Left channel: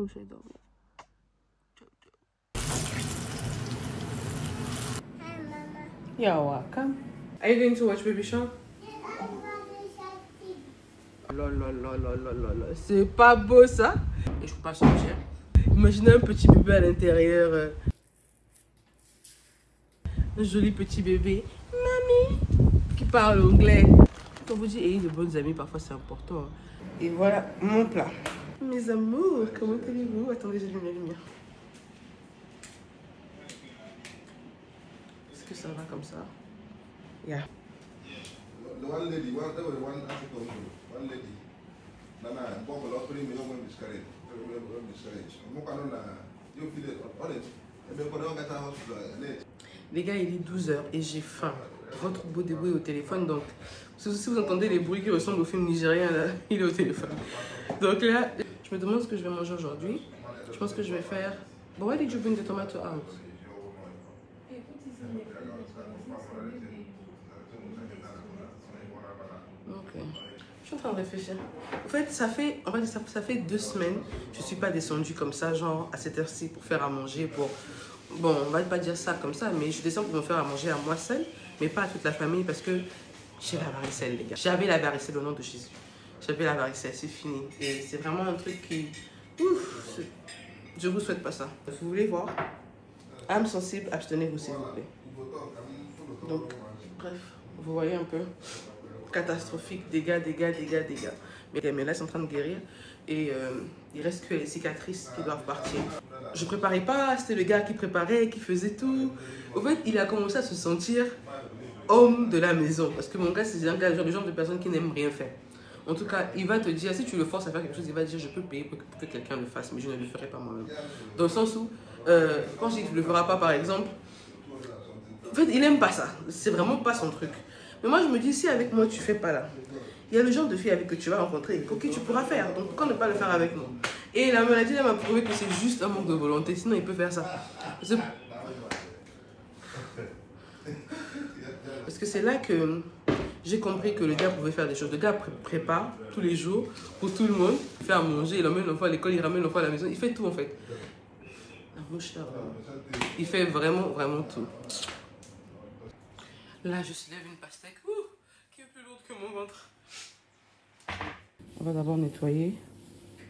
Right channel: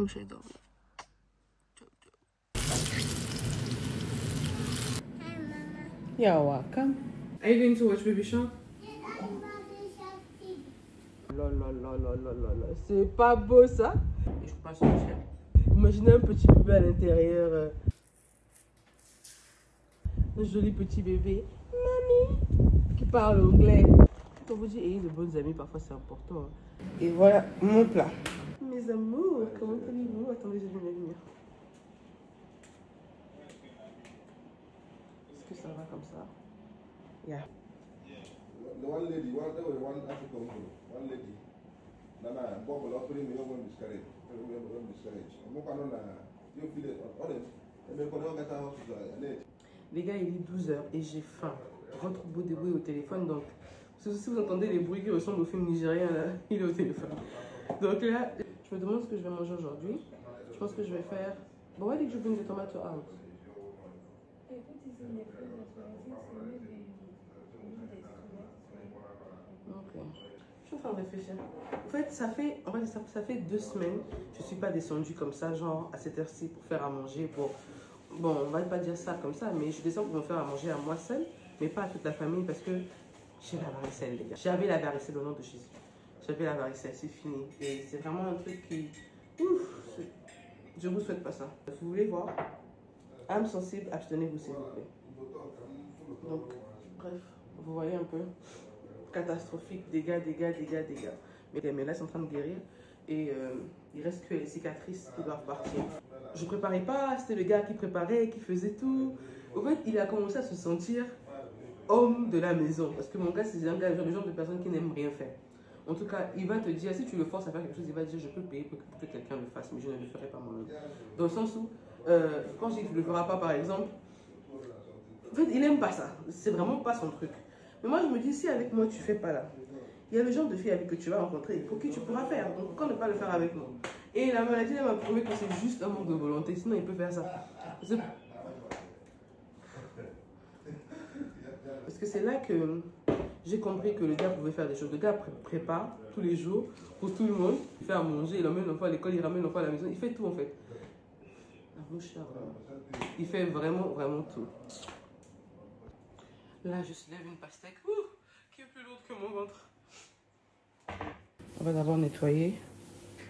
faut que j'aille dormir. You're welcome. Are you going to watch Baby Shark? C'est pas beau ça. Et je peux pas sortir. Imaginez un petit bébé à l'intérieur. Un joli petit bébé. Mamie. Qui parle anglais. Quand on vous dit ayez de bonnes amies, parfois c'est important. Et voilà mon plat. Mes amours, comment allez-vous? Attendez, j'allume la lumière. Est-ce que ça va comme ça? Yeah. One lady, one lady. Les gars, il est 12 h et j'ai faim. Votre beau débrouille au téléphone, donc si vous entendez les bruits qui ressemblent au film nigérien, là, il est au téléphone. Donc là, je me demande ce que je vais manger aujourd'hui. Je pense que je vais faire... But why did you bring the tomato out? Ok. Je suis en train de réfléchir. En fait, ça fait 2 semaines. Je ne suis pas descendue comme ça, genre à cette heure-ci pour faire à manger, pour... Bon, on va pas dire ça comme ça, mais je descends pour me faire à manger à moi seule, mais pas à toute la famille parce que j'ai la varicelle, les gars. J'avais la varicelle au nom de Jésus. J'avais la varicelle, c'est fini. Et c'est vraiment un truc qui... Ouf, je vous souhaite pas ça. Vous voulez voir? Âme sensible, abstenez-vous s'il vous plaît. Donc, bref, vous voyez un peu. Catastrophique, dégâts. Mais là, c'est en train de guérir. Et il reste que les cicatrices qui doivent partir. Je préparais pas, c'était le gars qui préparait, qui faisait tout. En fait, il a commencé à se sentir homme de la maison. Parce que mon gars, c'est un gars, le genre de personne qui n'aime rien faire. En tout cas, il va te dire, si tu le forces à faire quelque chose, il va te dire, je peux payer pour que quelqu'un le fasse, mais je ne le ferai pas moi-même. Dans le sens où, quand je dis qu'il ne le fera pas, par exemple, en fait, il n'aime pas ça. C'est vraiment pas son truc. Mais moi, je me dis, si avec moi, tu fais pas là, il y a le genre de fille avec que tu vas rencontrer, ok, tu pourras faire. Donc, pourquoi ne pas le faire avec nous? Et la maladie, elle m'a prouvé que c'est juste un manque de volonté. Sinon, il peut faire ça. Parce que c'est là que j'ai compris que le gars pouvait faire des choses. Le gars prépare tous les jours pour tout le monde. Il fait à manger, il emmène l'enfant à l'école, il ramène l'enfant à la maison. Il fait tout, en fait. La mouche là, il fait vraiment tout. Là, je soulève une pastèque qui est plus lourde que mon ventre. On va d'abord nettoyer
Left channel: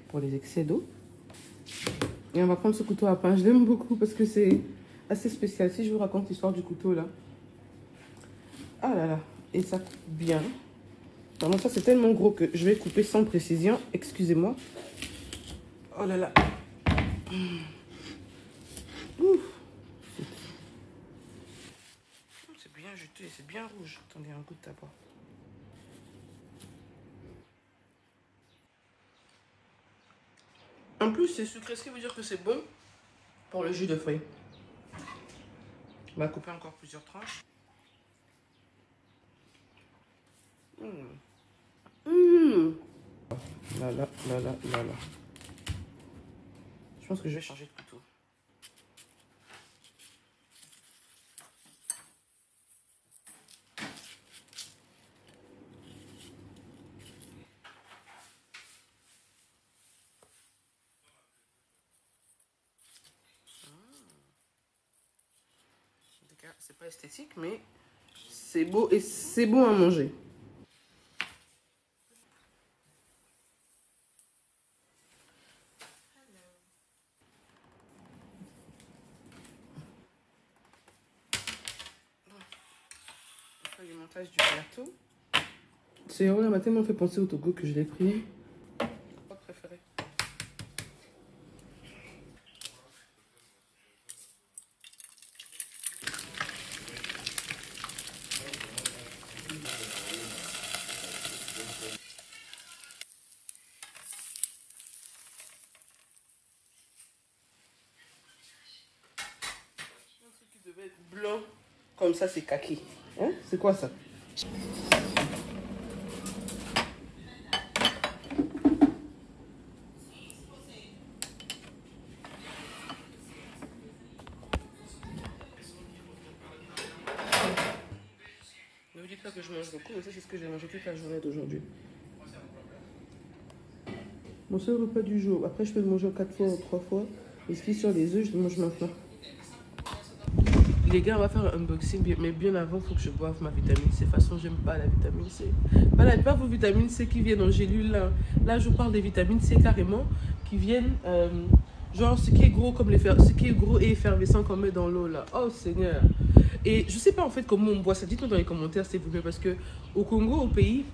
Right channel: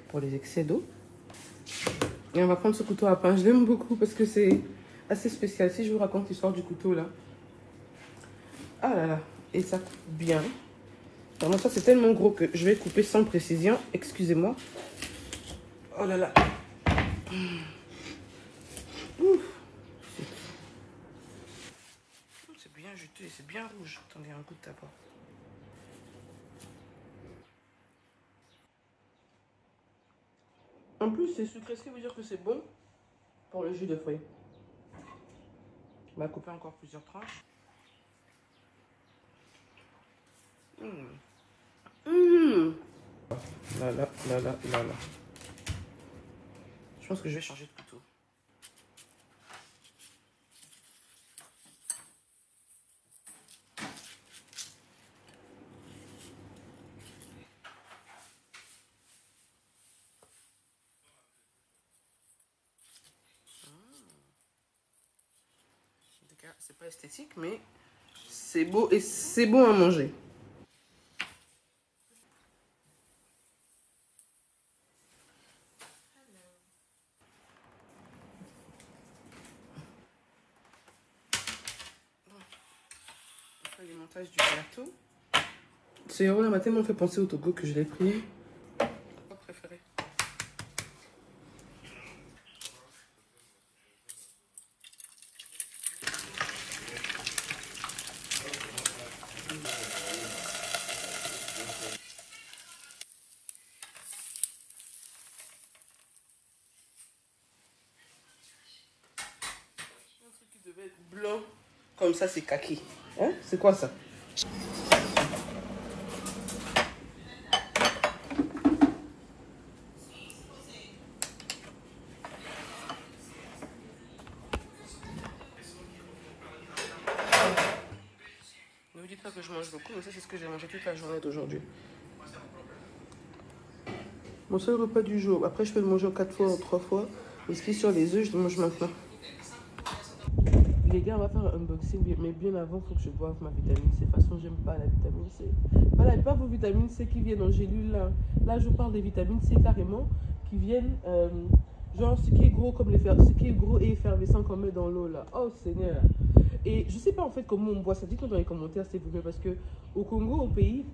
pour les excès d'eau. Et on va prendre ce couteau à pain. Je l'aime beaucoup parce que c'est assez spécial. Si je vous raconte l'histoire du couteau là. Ah là là. Et ça coupe bien. Vraiment, ça c'est tellement gros que je vais couper sans précision. Excusez-moi. Oh là là. Ouf. C'est bien juteux et c'est bien rouge. Attendez, un coup de tabac. En plus, c'est sucré, ce qui veut dire que c'est bon pour le jus de fruits. On va couper encore plusieurs tranches. Là. Je pense que je vais changer de couteau. C'est pas esthétique, mais c'est beau et c'est bon à manger. On fait le montage du gâteau. Ce héros là m'a tellement fait penser au Togo que je l'ai pris. Devait être blanc comme ça, c'est kaki. Hein? C'est quoi ça? Ne vous dites pas que je mange beaucoup, mais ça c'est ce que j'ai mangé toute la journée d'aujourd'hui. Mon seul repas du jour. Après, je peux le manger 4 fois ou 3 fois. Mais ce qui est sur les œufs, je le mange maintenant. Les gars, on va faire un unboxing, mais bien avant, il faut que je boive ma vitamine C. De toute façon, j'aime pas la vitamine C. Pas vos vitamines C qui viennent en gélule. Là, je parle des vitamines C carrément, qui viennent, genre, ce qui est gros comme ce qui est gros et effervescent qu'on met dans l'eau, là. Oh, Seigneur. Et je sais pas, en fait, comment on boit ça. Dites-moi dans les commentaires, s'il vous plaît, parce que au Congo, au pays,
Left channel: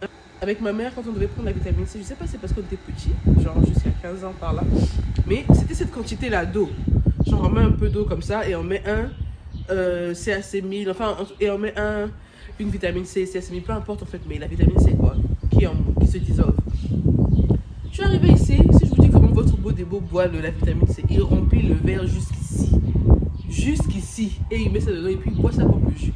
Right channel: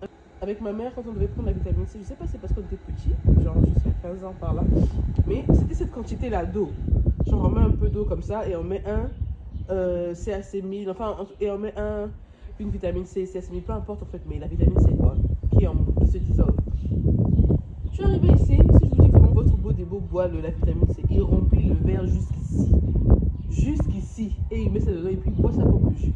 avec ma mère, quand on devait prendre la vitamine C, je sais pas, c'est parce qu'on était petits, genre jusqu'à 15 ans par là, mais c'était cette quantité-là d'eau. Genre, on met un peu d'eau comme ça et on met CAC1000, enfin, et on met une vitamine C, CAC1000, peu importe en fait, mais la vitamine C, quoi, qui se dissolve. Je suis arrivée ici, si je vous dis comment votre beau débo boit la vitamine C, il remplit le verre jusqu'ici. Jusqu'ici. Et il met ça dedans et puis il boit ça pour que je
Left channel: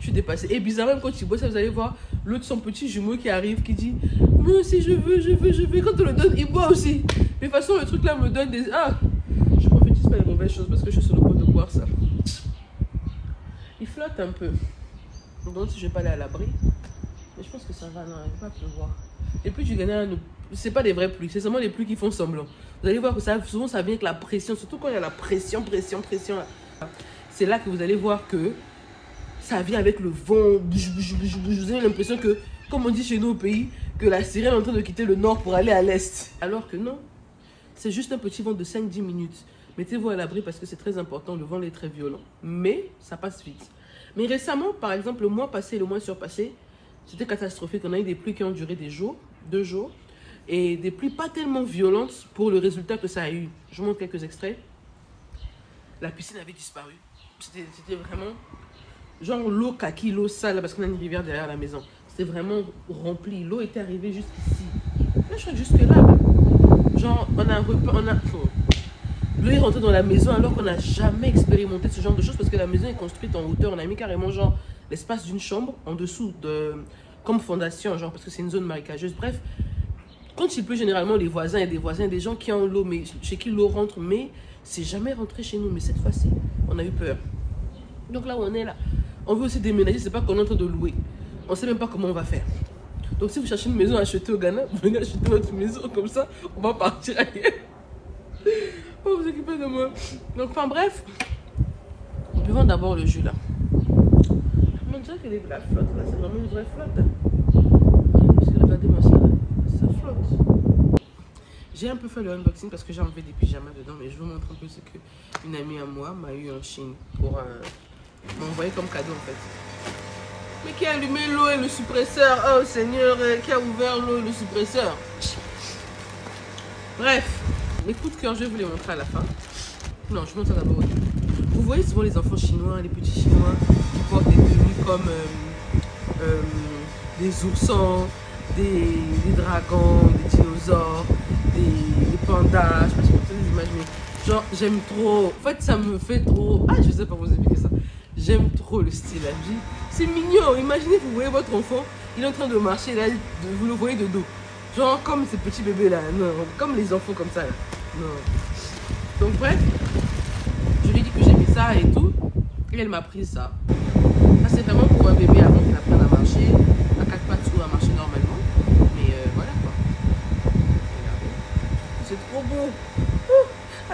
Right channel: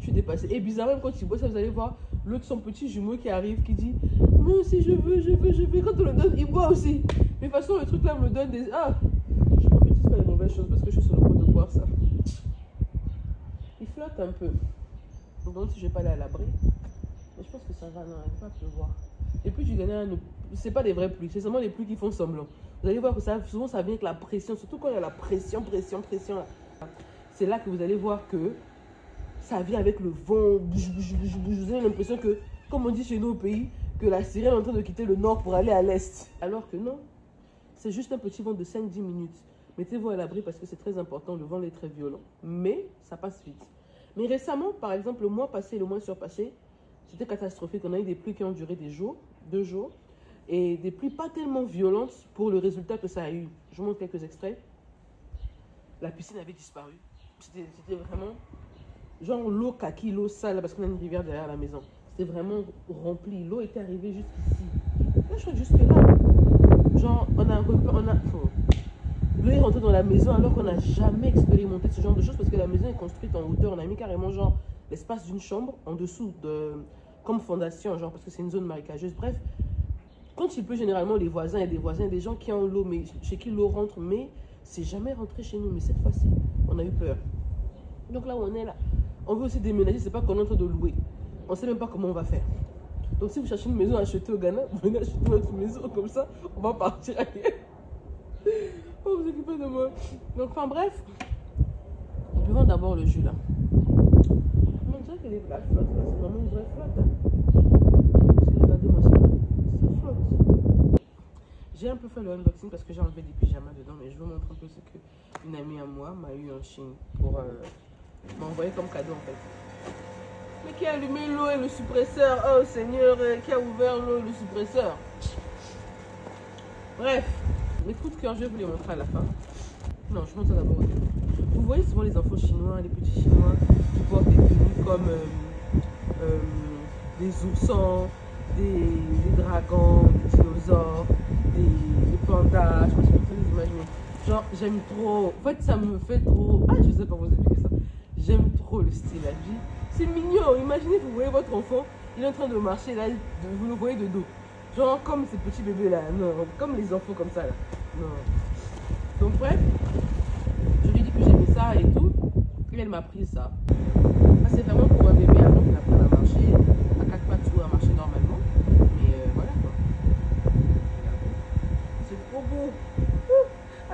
suis dépassée. Et bizarrement, quand il boit ça, vous allez voir l'autre, son petit jumeau qui arrive, qui dit moi aussi je veux. Quand on le donne, il boit aussi. Mais de toute façon, le truc là me donne des. Ah, je prophétise pas les mauvaises choses parce que je suis sur le point de boire ça. Il flotte un peu. Donc si je vais pas aller à l'abri. Mais je pense que ça va, non, il ne va pas pleuvoir. Les pluies du Ghana, c'est pas des vraies pluies, c'est seulement les pluies qui font semblant. Vous allez voir que ça, souvent ça vient avec la pression, surtout quand il y a la pression. C'est là que vous allez voir que ça vient avec le vent. Vous avez l'impression que, comme on dit chez nous au pays, que la sirène est en train de quitter le nord pour aller à l'est. Alors que non, c'est juste un petit vent de 5-10 minutes. Mettez-vous à l'abri parce que c'est très important, le vent est très violent. Mais ça passe vite. Mais récemment, par exemple, le mois passé et le mois surpassé, c'était catastrophique. On a eu des pluies qui ont duré des jours, 2 jours. Et des pluies pas tellement violentes pour le résultat que ça a eu. Je vous montre quelques extraits. La piscine avait disparu. C'était vraiment genre l'eau kaki, l'eau sale, parce qu'on a une rivière derrière la maison. C'était vraiment rempli. L'eau était arrivée jusqu'ici. Là, je suis jusque là. Genre, on a un repas, l'eau est rentrée dans la maison alors qu'on n'a jamais expérimenté ce genre de choses parce que la maison est construite en hauteur. On a mis carrément genre l'espace d'une chambre en dessous comme fondation, genre parce que c'est une zone marécageuse. Bref, quand il pleut, généralement, les voisins et des voisins, des gens qui ont l'eau, mais chez qui l'eau rentre, mais c'est jamais rentré chez nous. Mais cette fois-ci, on a eu peur. Donc là où on est là, on veut aussi déménager, c'est pas qu'on est en train de louer. On sait même pas comment on va faire. Donc si vous cherchez une maison à acheter au Ghana, venez acheter votre maison, comme ça, on va partir ailleurs. Oh, vous occupez de moi. Donc enfin bref, on peut vendre d'abord le jus là. On dirait que la flotte là, c'est vraiment une vraie flotte. Hein. Parce que regardez-moi ça flotte. J'ai un peu fait le unboxing parce que j'ai enlevé des pyjamas dedans, mais je vous montre un peu ce qu'une amie à moi m'a eu en Chine pour m'envoyer comme cadeau en fait. Mais qui a allumé l'eau et le suppresseur? Oh Seigneur, qui a ouvert l'eau et le suppresseur? Bref, mes coups de cœur, je vais vous les montrer à la fin. Non, je montre ça d'abord au début. Vous voyez souvent les enfants chinois, les petits chinois qui portent des tenues comme des oursons, des dragons, des dinosaures, des pandas. Je sais pas si vous pouvez les imaginer. Genre, j'aime trop. En fait, ça me fait trop. Ah, je sais pas vous expliquer ça. J'aime trop le style. C'est mignon. Imaginez, vous voyez votre enfant, il est en train de marcher là, vous le voyez de dos. Genre comme ces petits bébés là. Non, comme les enfants comme ça là. Non. Donc bref, je lui ai dit que j'ai mis ça et tout. Et elle m'a pris ça. Ça c'est vraiment pour un bébé avant qu'il apprenne à marcher. À 4 pattes ou à marcher normalement. Mais voilà quoi. C'est trop beau.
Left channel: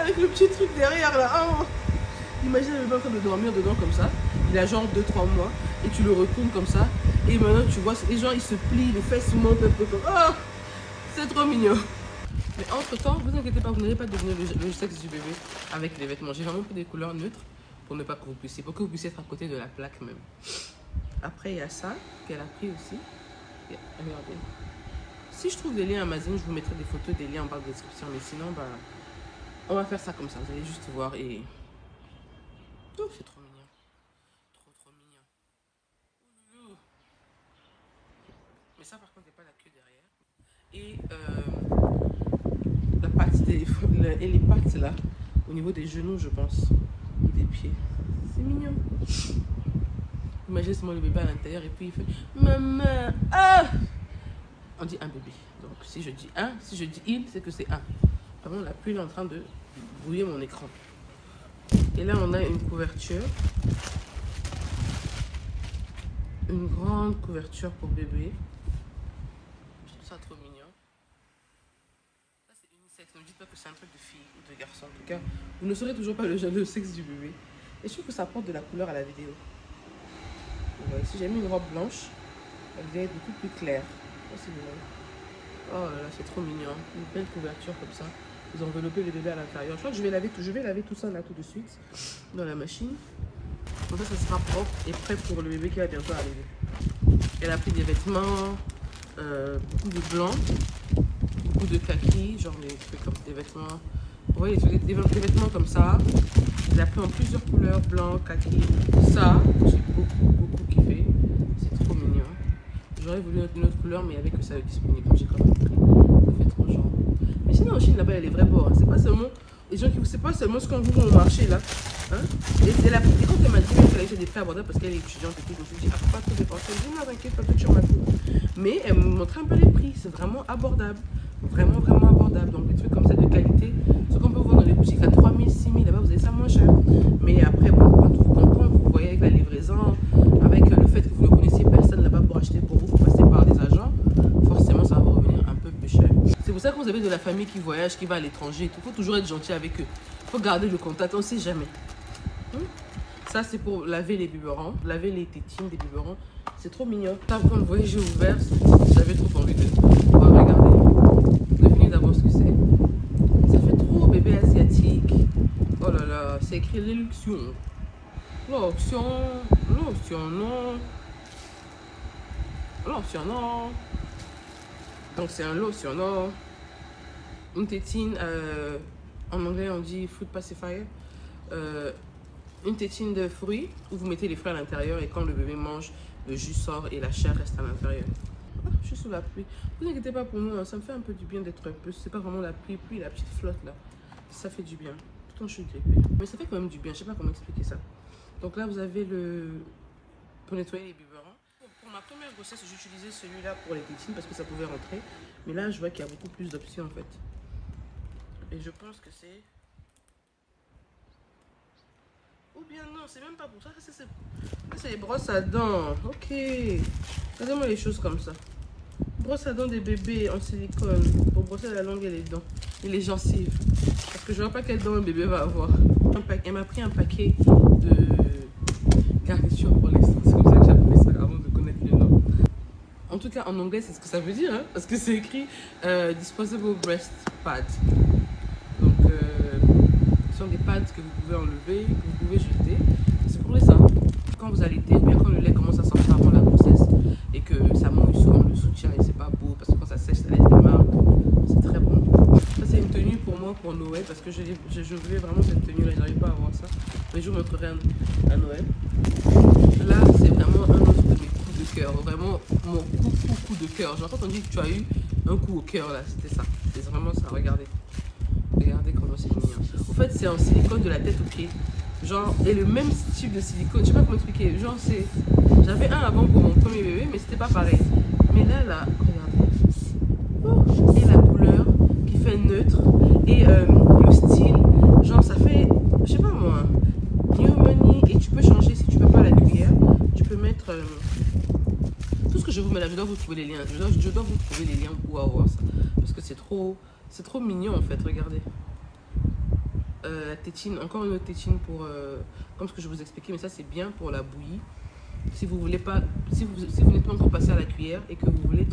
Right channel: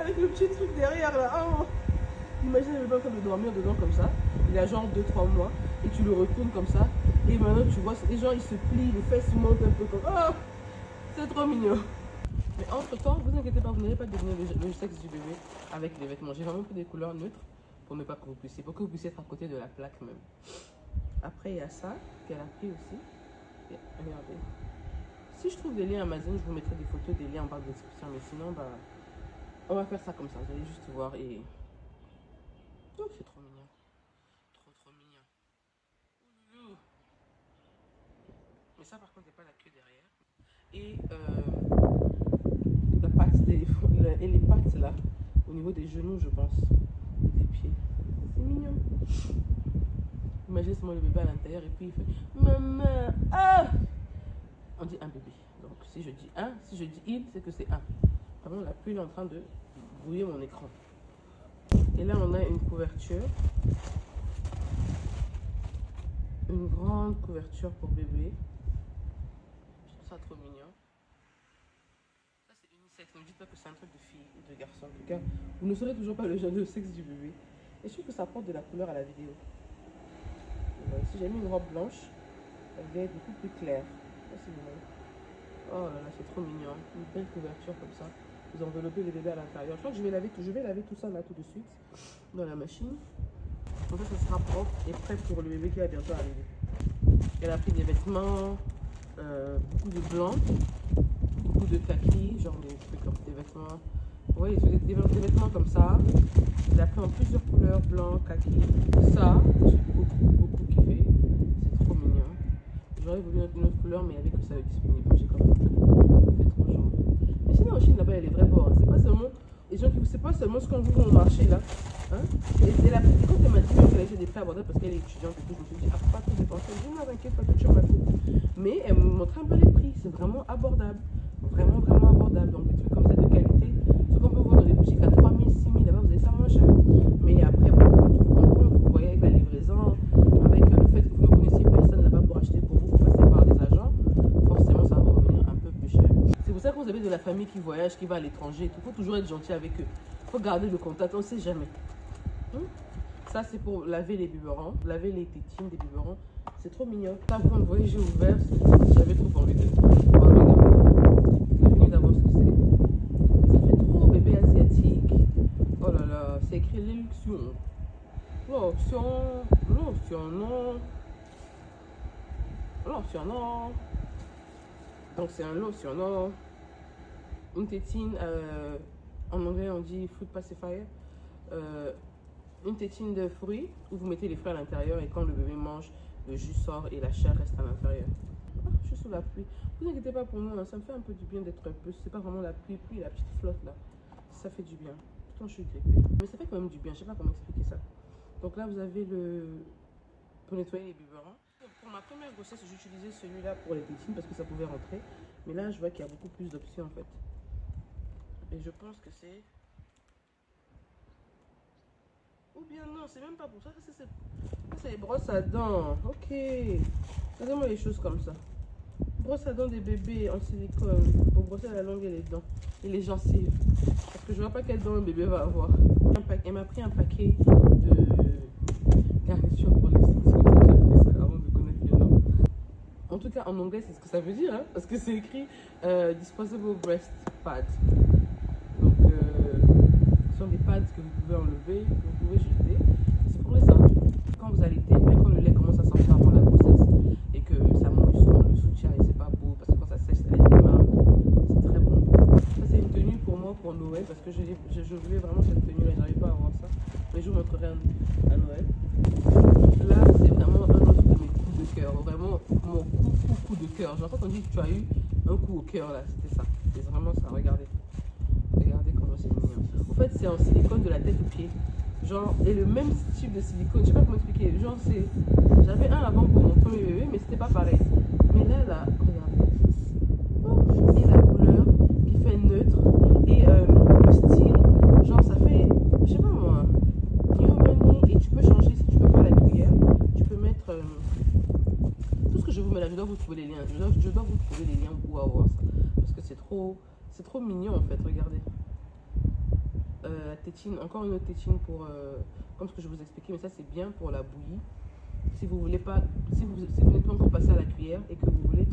Avec le petit truc derrière là. Oh. Imagine le bébé en train de dormir dedans comme ça. Il a genre 2-3 mois. Et tu le retournes comme ça. Et maintenant tu vois, et genre il se plie, les fesses montent un peu comme. Oh, c'est trop mignon. Mais entre temps, vous inquiétez pas, vous n'allez pas devenir le sexe du bébé avec les vêtements. J'ai vraiment pris des couleurs neutres pour ne pas que vous puissiez, pour que vous puissiez être à côté de la plaque même. Après il y a ça qu'elle a pris aussi. Et, regardez. Si je trouve des liens Amazon, je vous mettrai des photos, des liens en barre de description. Mais sinon, bah, on va faire ça comme ça. Vous allez juste voir et. Oh, c'est trop mignon. Trop mignon. Ouh. Mais ça, par contre, il n'y a pas la queue derrière. Et la partie et les pattes là, au niveau des genoux, je pense, et des pieds. C'est mignon. Imaginez seulement le bébé à l'intérieur et puis il fait maman. Ah, on dit un bébé. Donc si je dis un, si je dis il, c'est que c'est un. Vraiment, la pluie est en train de brouiller mon écran. Et là, on a une couverture. Une grande couverture pour bébé. Je trouve ça trop mignon. Ça, c'est Ne me dites pas que c'est un truc de fille ou de garçon. En tout cas, vous ne saurez toujours pas le sexe du bébé. Et je trouve que ça apporte de la couleur à la vidéo. Ouais, si j'ai mis une robe blanche, elle devait être beaucoup plus claire. Oh, c'est drôle. Oh là là, c'est trop mignon. Une belle couverture comme ça. Vous enveloppez le bébé à l'intérieur. Je crois que je vais laver tout ça là tout de suite dans la machine. Comme ça sera propre et prêt pour le bébé qui va bientôt arriver. Elle a pris des vêtements, beaucoup de blanc, beaucoup de kaki, genre des trucs comme des vêtements. Vous voyez, des vêtements comme ça. Elle a pris en plusieurs couleurs, blanc, kaki. Ça, j'ai beaucoup kiffé. C'est trop mignon. J'aurais voulu une autre couleur, mais il n'y avait que ça de disponible. J'ai quand même pris. Ça fait trop genre. Mais sinon, en Chine, là-bas, il y a les vrais bords. Hein. C'est pas seulement les gens qui. C'est pas seulement ce qu'on vous au marché là. Hein? Et la petite, quand elle m'a dit qu'elle avait des prix abordables parce qu'elle est étudiante et tout, je me suis dit, ah, faut pas trop dépenser. Je dis, non, t'inquiète pas, tu ma coûte. Mais elle me montrait un peu les prix. C'est vraiment abordable. Vraiment abordable. Donc, des trucs comme ça de qualité. Ce qu'on peut voir dans les boutiques à 3 000, 6 000, là-bas, vous avez ça moins cher. Mais après, bon, quand vous voyez avec la livraison, avec le fait que vous ne connaissiez personne là-bas pour acheter pour vous, pour passer par des agents, forcément, ça va vous revenir un peu plus cher. C'est pour ça que vous avez de la famille qui voyage, qui va à l'étranger. Il faut toujours être gentil avec eux. Il faut garder le contact, on ne sait jamais. Ça, c'est pour laver les biberons, laver les tétines des biberons. C'est trop mignon. Là, quand vous voyez, j'ai ouvert, j'avais trop envie de voir. Regardez. Devinez d'abord ce que c'est. Ça fait trop bébé asiatique. Oh là là, c'est écrit l'éluction. L'option, non. Donc, c'est un lotionnant. Une tétine, en anglais, on dit fruit pacifier. Une tétine de fruits où vous mettez les fruits à l'intérieur et quand le bébé mange, le jus sort et la chair reste à l'intérieur. Ah, je suis sous la pluie. Vous inquiétez pas pour nous, hein, ça me fait un peu du bien d'être un peu. C'est pas vraiment la pluie, la petite flotte là. Ça fait du bien. Pourtant je suis grippée. Mais ça fait quand même du bien, je sais pas comment expliquer ça. Donc là vous avez le. Pour nettoyer les biberons. Pour ma première grossesse, j'utilisais celui-là pour les tétines parce que ça pouvait rentrer. Mais là je vois qu'il y a beaucoup plus d'options en fait. Et je pense que c'est. Ou bien non, c'est même pas pour ça. C'est les brosses à dents. Ok. Regardez-moi les choses comme ça. Brosse à dents des bébés en silicone pour brosser la langue et les dents et les gencives. Parce que je vois pas quelles dents un bébé va avoir. Elle m'a pris un paquet de garniture pour l'instant. C'est comme ça que j'appelle ça avant de connaître les noms. En tout cas, en anglais, c'est ce que ça veut dire. Hein, parce que c'est écrit Disposable Breast Pad. Donc, ce sont des pads que vous pouvez enlever, que vous pouvez jeter. C'est pour les seins. Quand vous allaitez, ou bien quand le lait commence à sortir avant la grossesse et que ça mouille souvent le soutien et c'est pas beau parce que quand ça sèche, ça laisse des marques. C'est très bon. Ça, c'est une tenue pour moi pour Noël parce que je voulais vraiment cette tenue-là. J'arrive pas à avoir ça. Mais je vous montrerai à Noël. Là, c'est vraiment un autre de mes coups de cœur. Vraiment mon coup de cœur. J'ai entendu que tu as eu un coup au cœur là. C'était ça. C'est vraiment ça. Regardez. Regardez comment c'est mignon. En fait, c'est en silicone de la tête aux pieds. Genre, et le même type de silicone. Je sais pas comment expliquer. Genre, c'est. J'avais un avant pour mon premier bébé, mais c'était pas pareil. Mais là, regardez. Oh, et la couleur qui fait neutre. Et le style. Genre, ça fait. Je sais pas moi. New Money. Et tu peux changer si tu veux pas la cuillère. Tu peux mettre. Tout ce que je vous mets là, je dois vous trouver les liens. Je dois vous trouver les liens pour avoir ça. Parce que c'est trop mignon en fait. Regardez. Tétine, encore une autre tétine pour comme ce que je vous expliquais, mais ça c'est bien pour la bouillie. Si vous voulez pas, si vous n'êtes pas encore passé à la cuillère et que vous voulez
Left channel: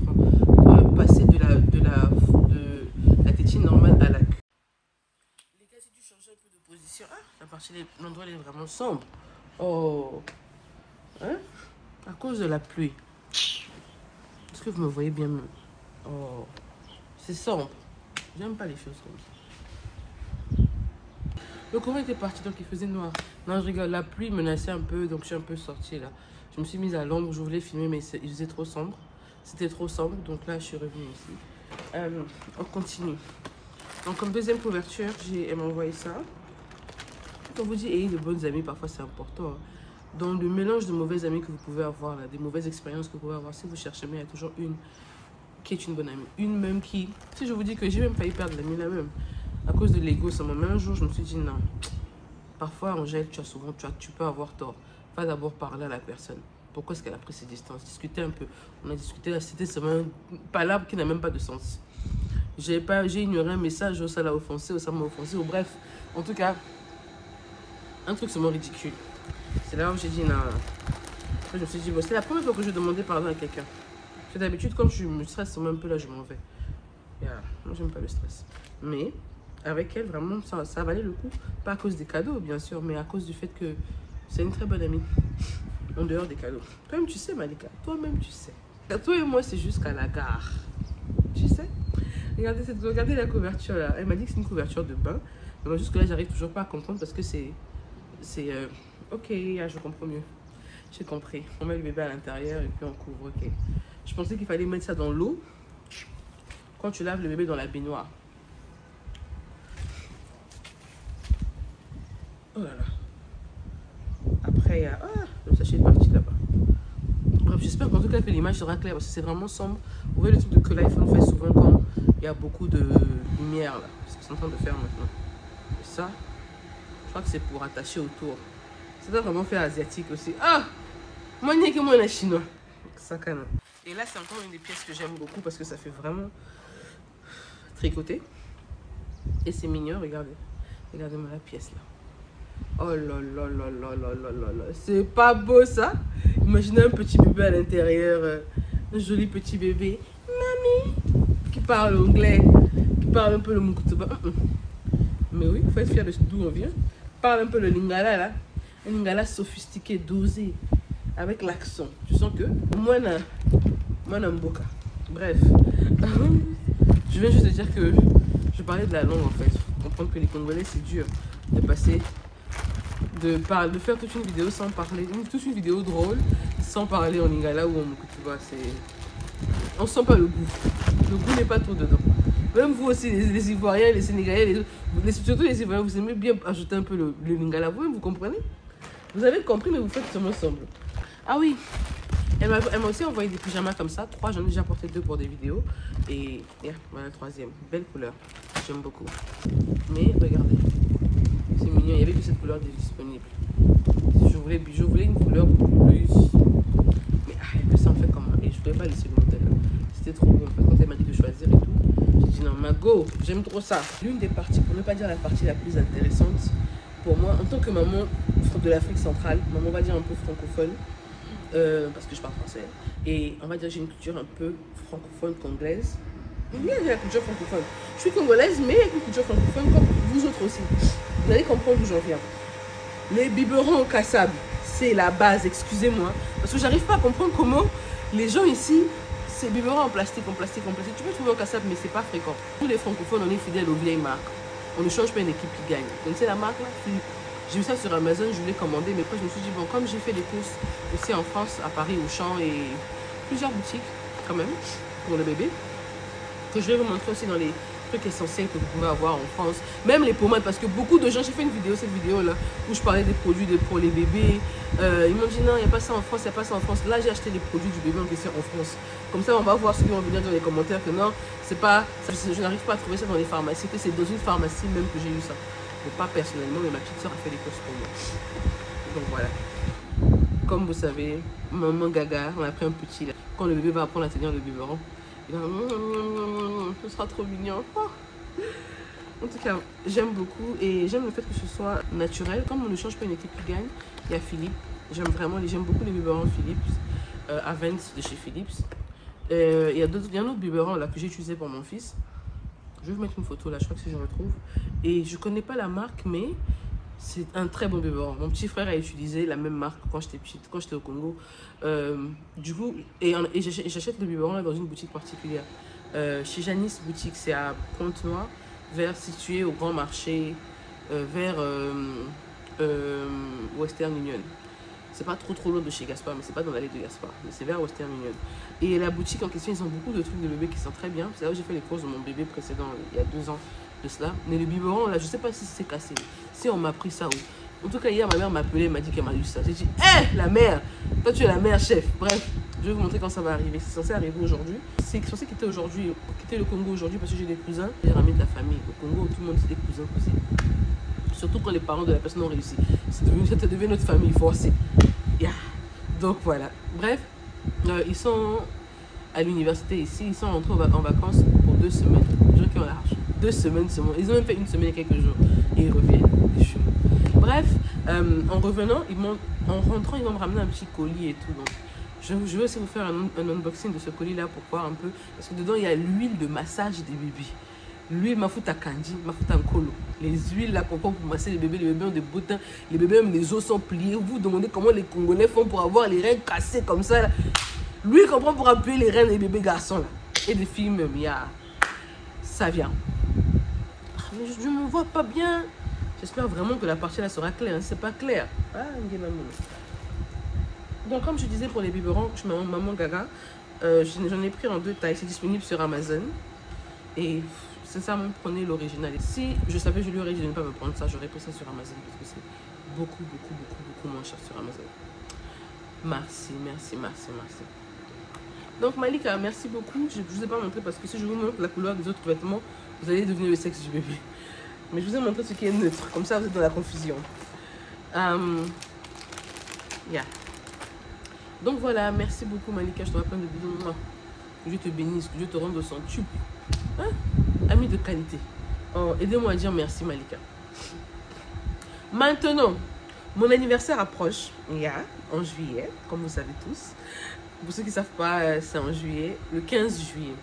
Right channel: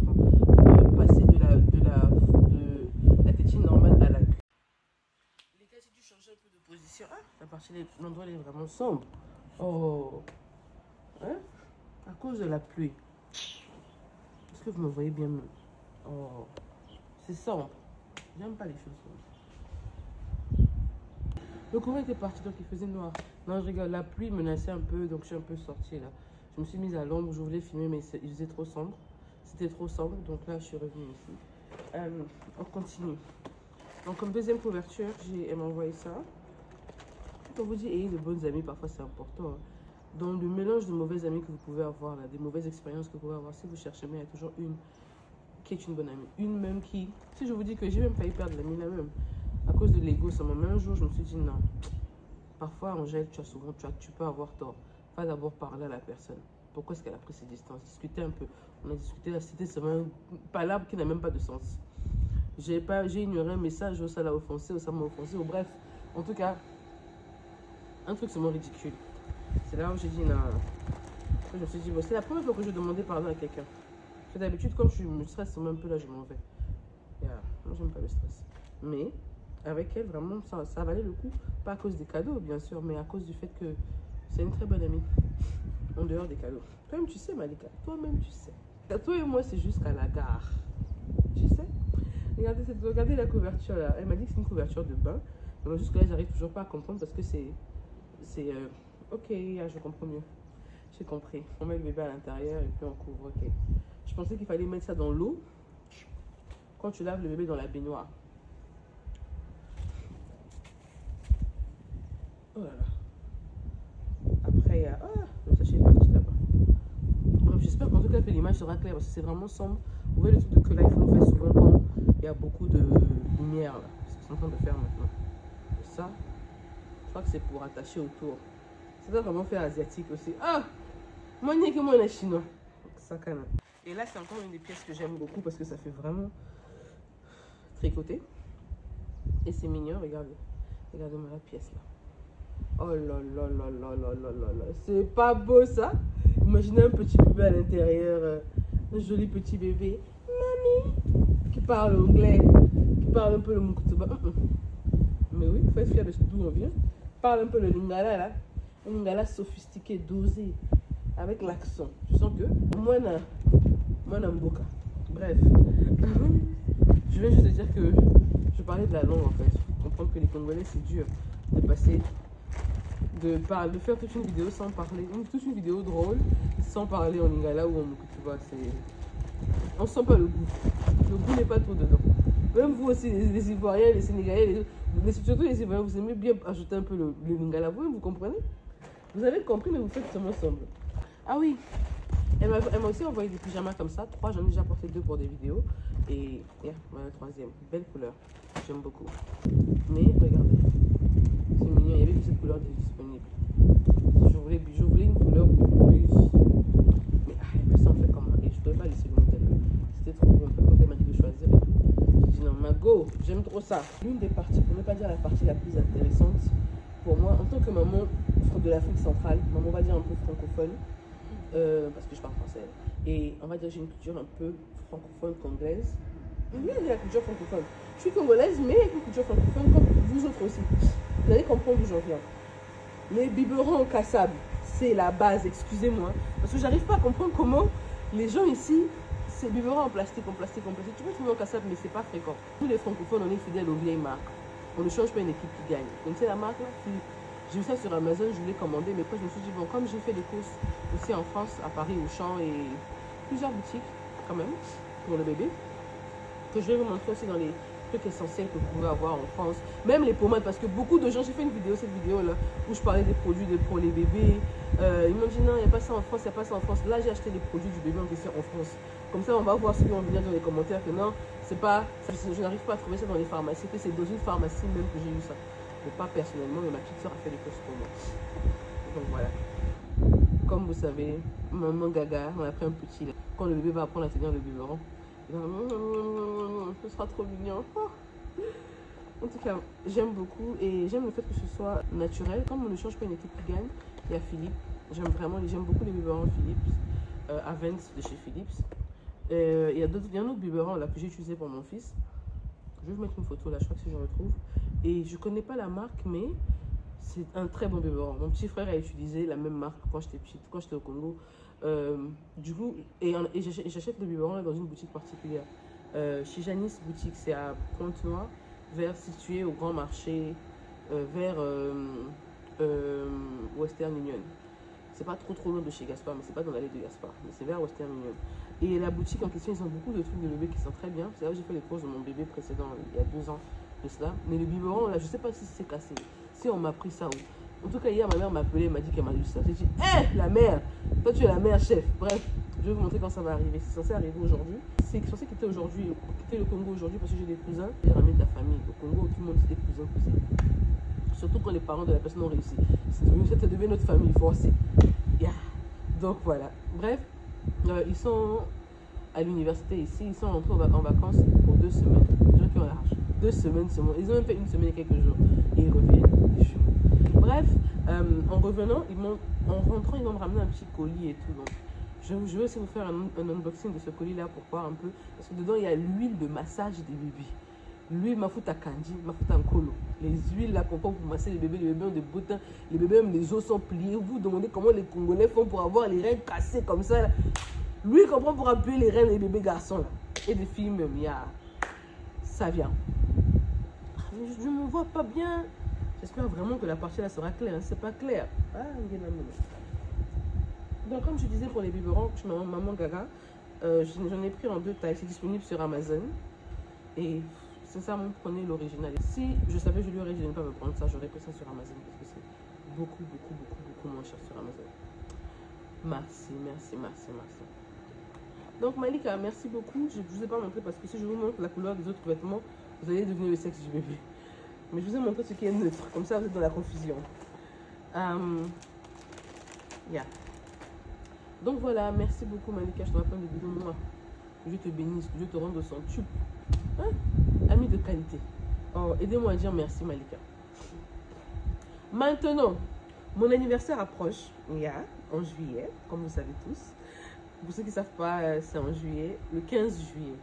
passer de la tétine normale à la cuillère. Les gars, j'ai dû changer un peu de position. Ah, la partie l'endroit est vraiment sombre. Oh, hein? À cause de la pluie. Est-ce que vous me voyez bien? Oh, c'est sombre. J'aime pas les choses comme ça. Le courant était parti, donc il faisait noir. Non, je rigole, la pluie menaçait un peu, donc je suis un peu sortie là. Je me suis mise à l'ombre, je voulais filmer, mais il faisait trop sombre. C'était trop sombre, donc là, je suis revenue ici. On continue. Donc, comme deuxième couverture, elle m'a envoyé ça. Quand on vous dit ayez de bonnes amies, parfois c'est important. Hein. Dans le mélange de mauvaises amies que vous pouvez avoir, là, des mauvaises expériences que vous pouvez avoir, si vous cherchez, mais il y a toujours une qui est une bonne amie. Une même qui, si je vous dis que j'ai même failli perdre l'amie là même. À cause de l'ego, ça m'a même un jour, je me suis dit non. Parfois, Angèle, tu peux avoir tort. Va d'abord parler à la personne. Pourquoi est-ce qu'elle a pris ses distances? Discuter un peu. On a discuté là, c'était seulement une palabre qui n'a même pas de sens. J'ai ignoré un message, ça l'a offensé, ou ça m'a offensé, ou bref. En tout cas, un truc seulement ridicule. C'est là où j'ai dit non. Je me suis dit, bon, c'est la première fois que je demandais pardon à quelqu'un. D'habitude, quand je me stresse un peu, là, je m'en vais. Yeah. Moi, j'aime pas le stress. Mais avec elle, vraiment, ça valait le coup. Pas à cause des cadeaux, bien sûr, mais à cause du fait que c'est une très bonne amie. En dehors des cadeaux. Toi-même, tu sais, Malika. Toi-même, tu sais. Toi et moi, c'est jusqu'à la gare. Tu sais? Regardez la couverture, là. Elle m'a dit que c'est une couverture de bain. Mais moi, jusque-là, j'arrive toujours pas à comprendre parce que c'est... Ok, je comprends mieux. J'ai compris. On met le bébé à l'intérieur et puis on couvre. Ok. Je pensais qu'il fallait mettre ça dans l'eau quand tu laves le bébé dans la baignoire. Oh là là. Après, il y a... Ah, le sachet est parti là-bas. Bref, j'espère qu'en tout cas que l'image sera claire parce que c'est vraiment sombre. Vous voyez le truc de que l'iPhone fait souvent quand il y a beaucoup de lumière là. C'est ce qu'ils sont en train de faire maintenant. Et ça, je crois que c'est pour attacher autour. Ça doit vraiment faire asiatique aussi. Ah! Moi, il n'y a que moi, on est chinois. Ça canne. Et là, c'est encore une des pièces que j'aime beaucoup parce que ça fait vraiment tricoter. Et c'est mignon, regardez. Regardez-moi la pièce là. Oh là là là là là là là là. C'est pas beau ça? Imaginez un petit bébé à l'intérieur. Un joli petit bébé. Mamie! Qui parle anglais. Qui parle un peu le mukutuba. Mais oui, il faut être fier de d'où on vient. Parle un peu le lingala là. Un lingala sophistiqué, dosé. Avec l'accent. Tu sens que moi, Mboka. Bref. Je viens juste de dire que je parlais de la langue en fait. Comprendre que les Congolais c'est dur de passer, de faire toute une vidéo sans parler, toute une vidéo drôle sans parler en lingala ou en mukutuba. On sent pas le goût. Le goût n'est pas trop dedans. Même vous aussi, les Ivoiriens, les Sénégalais, surtout les Ivoiriens, vous aimez bien ajouter un peu le lingala. Vous comprenez? Vous avez compris, mais vous faites seulement semblant. Ah oui, elle m'a aussi envoyé des pyjamas comme ça. 3, j'en ai déjà porté 2 pour des vidéos. Et voilà, 3e. Belle couleur. J'aime beaucoup. Mais regardez, c'est mignon. Il n'y avait que cette couleur disponible. Je voulais une couleur beaucoup plus. Mais ça en fait comment? Et je ne voulais pas laisser le modèle. C'était trop beau. En fait, quand elle m'a dit de choisir et tout, j'ai dit non, Mago, j'aime trop ça. L'une des parties, pour ne pas dire la partie la plus intéressante, pour moi, en tant que maman de l'Afrique centrale, maman, on va dire un peu francophone. Parce que je parle français et on va dire que j'ai une culture un peu francophone congolaise. Il y a la culture francophone. Je suis congolaise mais avec une culture francophone comme vous autres aussi. Vous allez comprendre d'où j'en viens. Les biberons au kassab, c'est la base, excusez-moi. Parce que j'arrive pas à comprendre comment les gens ici, c'est biberons en plastique. Tu peux trouver au kassab mais c'est pas fréquent. Nous les francophones, on est fidèles aux vieilles marques. On ne change pas une équipe qui gagne. Vous connaissez la marque là? J'ai vu ça sur Amazon, je voulais commander, mais après je me suis dit, bon, comme j'ai fait des courses aussi en France, à Paris, Auchan et plusieurs boutiques quand même, pour le bébé, que je vais vous montrer aussi dans les trucs essentiels que vous pouvez avoir en France. Même les pommades, parce que beaucoup de gens, j'ai fait une vidéo, cette vidéo-là, où je parlais des produits pour les bébés. Ils m'ont dit, non, il n'y a pas ça en France, il n'y a pas ça en France. Là, j'ai acheté les produits du bébé en question en France. Comme ça, on va voir ceux qui vont venir dans les commentaires que non, c'est pas, je n'arrive pas à trouver ça dans les pharmacies, que c'est dans une pharmacie même que j'ai eu ça. Pas personnellement, mais ma petite soeur a fait les courses pour moi. Donc voilà. Comme vous savez, maman gaga, on a pris un petit là. Quand le bébé va apprendre à tenir le biberon, il va... ce sera trop mignon. Oh. En tout cas, j'aime beaucoup et j'aime le fait que ce soit naturel. Comme on ne change pas une équipe qui gagne, il y a Philippe. J'aime beaucoup les biberons Philips, Avens de chez Philips. Il y a un autre biberon là que j'ai utilisé pour mon fils. Je vais vous mettre une photo là, je crois que si je retrouve. Et je connais pas la marque, mais c'est un très bon biberon. Mon petit frère a utilisé la même marque quand j'étais petite, quand j'étais au Congo. Du coup, et j'achète le biberon là dans une boutique particulière. Chez Janice Boutique, c'est à Pointe-Noire, situé au Grand Marché, vers Western Union. C'est pas trop loin de chez Gaspard, mais c'est pas dans l'allée de Gaspard, mais c'est vers Western Union. Et la boutique en question, ils ont beaucoup de trucs de bébé qui sont très bien. C'est là où j'ai fait les courses de mon bébé précédent, il y a 2 ans de cela. Mais le biberon, là, je sais pas si c'est cassé, si on m'a pris ça ou... En tout cas, hier, ma mère m'a appelé, elle m'a dit qu'elle m'a eu ça. J'ai dit, hé, la mère, toi tu es la mère chef. Bref, je vais vous montrer quand ça va arriver. C'est censé arriver aujourd'hui. C'est censé quitter le Congo aujourd'hui parce que j'ai des cousins. J'ai ramené de la famille. Au Congo, tout le monde c'est des cousins aussi. Surtout quand les parents de la personne ont réussi. Ça devient notre famille forcée. Yeah. Donc voilà. Bref, ils sont à l'université ici. Ils sont rentrés en vacances pour 2 semaines. Les gens qui ont l'argent. 2 semaines seulement. Ils ont même fait 1 semaine et quelques jours. Et ils reviennent. Des jours. Bref, en revenant, en rentrant, ils vont me ramener un petit colis et tout. Donc, je vais aussi vous faire un unboxing de ce colis-là pour voir un peu. Parce que dedans, il y a l'huile de massage des bébés. L'huile mafuta kanji, mafuta nkolo. Les huiles là qu'on prend pour masser les bébés ont des boutins. Les bébés, même les os sont pliés. Vous vous demandez comment les Congolais font pour avoir les reins cassés comme ça. Là. L'huile qu'on prend pour appuyer les reins des bébés garçons là. Et des filles même, ça vient. Mais je ne me vois pas bien. J'espère vraiment que la partie là sera claire. Hein. C'est pas clair. Ah, donc comme je disais pour les biberons, je m'appelle Maman Gaga. J'en ai pris en 2 tailles. C'est disponible sur Amazon. Et sincèrement, prenez l'original. Si je savais que je lui aurais dit de ne pas me prendre ça, j'aurais pris ça sur Amazon. Parce que c'est beaucoup moins cher sur Amazon. Merci. Donc Malika, merci beaucoup. Je ne vous ai pas montré parce que si je vous montre la couleur des autres vêtements, vous allez devenir le sexe du bébé. Mais je vous ai montré ce qui est neutre. Comme ça, vous êtes dans la confusion. Yeah. Donc voilà, merci beaucoup Malika. Je te rappelle de bisous. Que Dieu te bénisse, que Dieu te rende au centuple. Hein? Ami de qualité. Oh, aidez-moi à dire merci Malika. Maintenant, mon anniversaire approche. En juillet, comme vous savez tous. Pour ceux qui ne savent pas, c'est en juillet, le 15 juillet.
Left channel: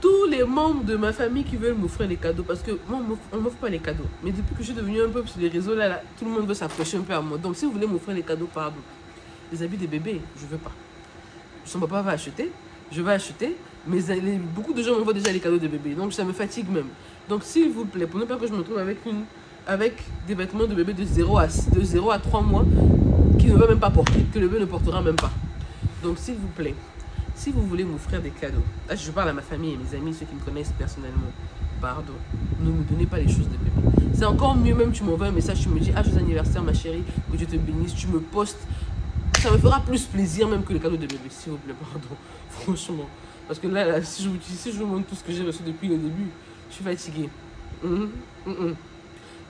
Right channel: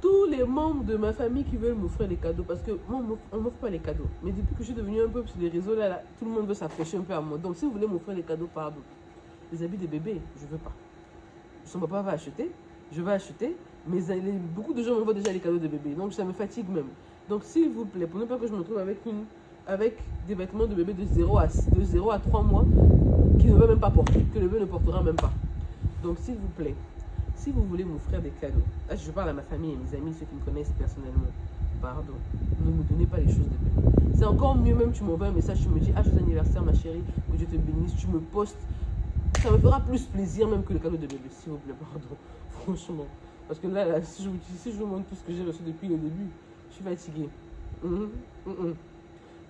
Tous les membres de ma famille qui veulent m'offrir les cadeaux, parce que moi, on ne m'offre pas les cadeaux. Mais depuis que je suis devenue un peu sur les réseaux, là, tout le monde veut s'approcher un peu à moi. Donc, si vous voulez m'offrir les cadeaux, pardon. Les habits des bébés, je ne veux pas. Son papa va acheter, je vais acheter, mais beaucoup de gens m'envoient déjà les cadeaux de bébé. Donc, ça me fatigue même. Donc, s'il vous plaît, pour ne pas que je me trouve avec des vêtements de bébé de 0 à 3 mois qui ne va même pas porter, que le bébé ne portera même pas. Donc, s'il vous plaît, si vous voulez m'offrir des cadeaux, là, je parle à ma famille et mes amis, ceux qui me connaissent personnellement, pardon, ne me donnez pas les choses de bébé. C'est encore mieux, même tu m'envoies un message, tu me dis, joyeux anniversaire ma chérie, que Dieu te bénisse, tu me postes. Ça me fera plus plaisir même que les cadeaux de bébé, s'il vous plaît, pardon, franchement. Parce que là si je vous montre tout ce que j'ai reçu depuis le début, je suis fatiguée. Vous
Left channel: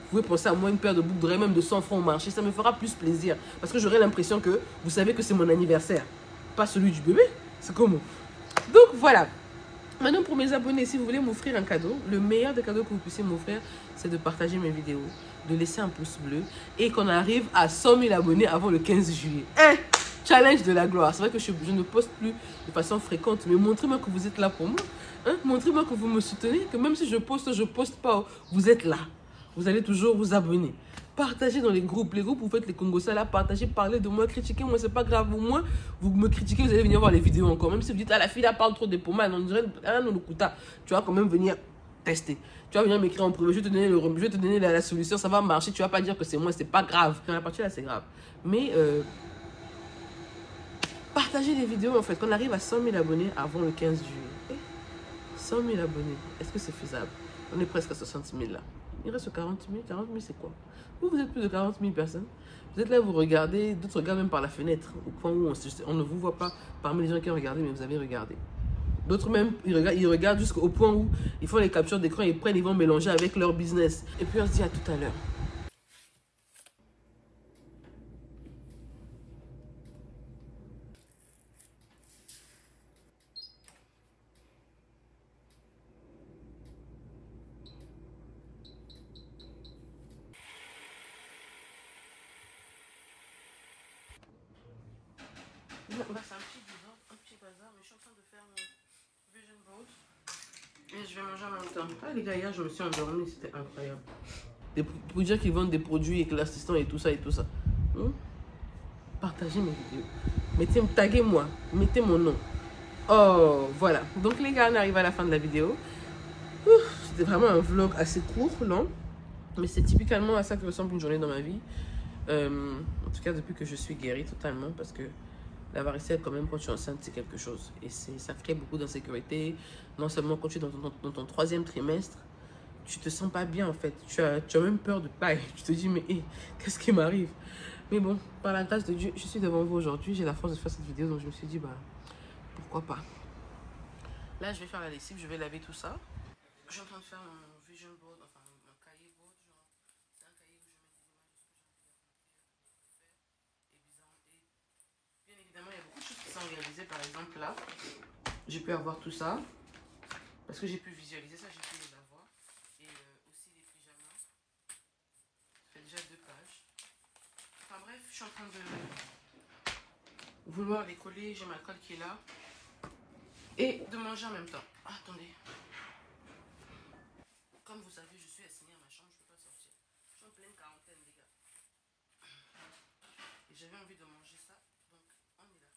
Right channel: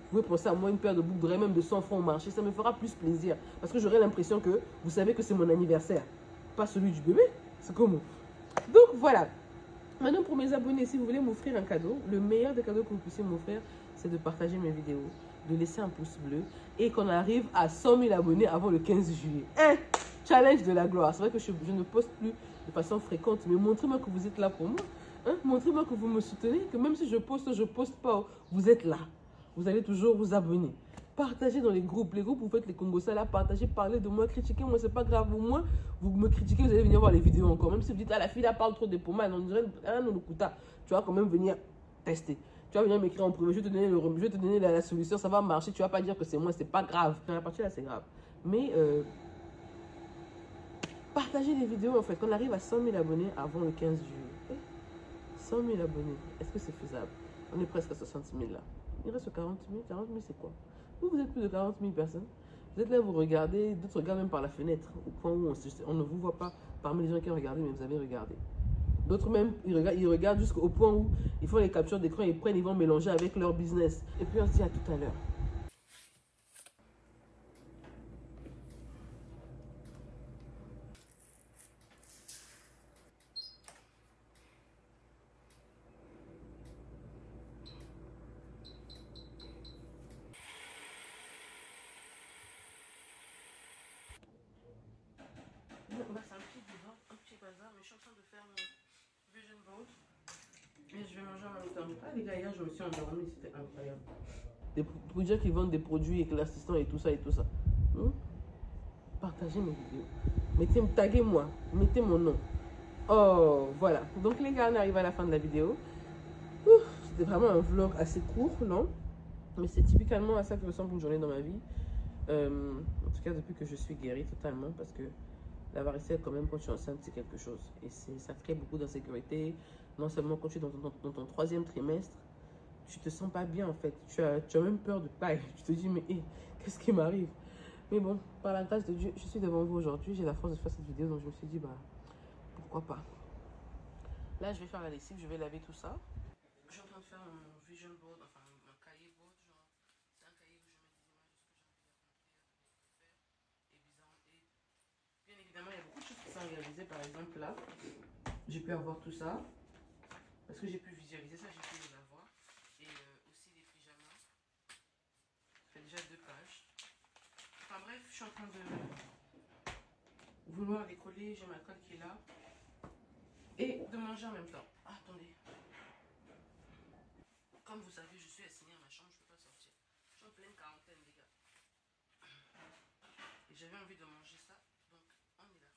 pouvez penser à moi une paire de boucles d'oreilles, même de 100 francs au marché, ça me fera plus plaisir. Parce que j'aurai l'impression que vous savez que c'est mon anniversaire, pas celui du bébé. C'est comment? Donc voilà. Maintenant pour mes abonnés, si vous voulez m'offrir un cadeau, le meilleur des cadeaux que vous puissiez m'offrir, c'est de partager mes vidéos, de laisser un pouce bleu et qu'on arrive à 100 000 abonnés avant le 15 juillet. Challenge de la gloire. C'est vrai que je ne poste plus de façon fréquente, mais montrez-moi que vous êtes là pour moi. Montrez-moi que vous me soutenez, que même si je poste pas, vous êtes là. Vous allez toujours vous abonner. Partagez dans les groupes. Les groupes, vous faites les Congos là, partagez, parlez de moi, critiquez moi, c'est pas grave. Au moins, vous me critiquez, vous allez venir voir les vidéos encore. Même si vous dites, la fille là parle trop de pommades, on dirait, tu vas quand même venir tester. Tu vas venir m'écrire en privé, je vais te donner la solution, ça va marcher. Tu vas pas dire que c'est moi, c'est pas grave. Dans la partie là, c'est grave. Mais partagez les vidéos en fait. Qu'on arrive à 100 000 abonnés avant le 15 juillet. 100 000 abonnés, est-ce que c'est faisable? On est presque à 60 000 là. Il reste 40 000. 40 000, c'est quoi? Vous êtes plus de 40 000 personnes. Vous êtes là, vous regardez, d'autres regardent même par la fenêtre, au point où on ne vous voit pas parmi les gens qui ont regardé, mais vous avez regardé. D'autres même, ils regardent jusqu'au point où ils font les captures d'écran, ils vont mélanger avec leur business. Et puis on se dit à tout à l'heure. C'est un petit bazar, mais je suis en train de faire mon vision board. Et je vais manger en même temps. Ah les gars, hier je me suis endormie, c'était incroyable. Pour dire qu'ils vendent des produits éclaircissants et tout ça et tout ça. Partagez mes vidéos. Taguez-moi, mettez mon nom. Oh, voilà. Donc les gars, on arrive à la fin de la vidéo. C'était vraiment un vlog assez court, non? Mais c'est typiquement à ça que ressemble une journée dans ma vie. En tout cas, depuis que je suis guérie totalement, parce que la varicelle, quand même, quand tu es enceinte, c'est quelque chose. Et ça crée beaucoup d'insécurité. Non seulement quand tu es dans ton 3e trimestre, tu te sens pas bien, en fait. Tu as même peur de taille. Tu te dis, mais qu'est-ce qui m'arrive? Mais bon, par la grâce de Dieu, je suis devant vous aujourd'hui. J'ai la force de faire cette vidéo, donc je me suis dit, bah, pourquoi pas. Là, je vais faire la lessive, je vais laver tout ça. Je suis en train de faire mon vision board, enfin, mon cahier board. C'est un cahier où je mets des images, et bien évidemment, il y a beaucoup de choses qui sont réalisées. Par exemple, là, j'ai pu avoir tout ça. Parce que j'ai pu visualiser ça, j'ai pu les avoir. Et aussi les pyjamas. Ça fait déjà 2 pages. Enfin bref, je suis en train de vouloir les coller. J'ai ma colle qui est là. Et de manger en même temps. Ah, attendez. Comme vous savez, je suis assignée à ma chambre, je ne peux pas sortir. Je suis en pleine quarantaine, les gars. Et j'avais envie de manger ça, donc on est là.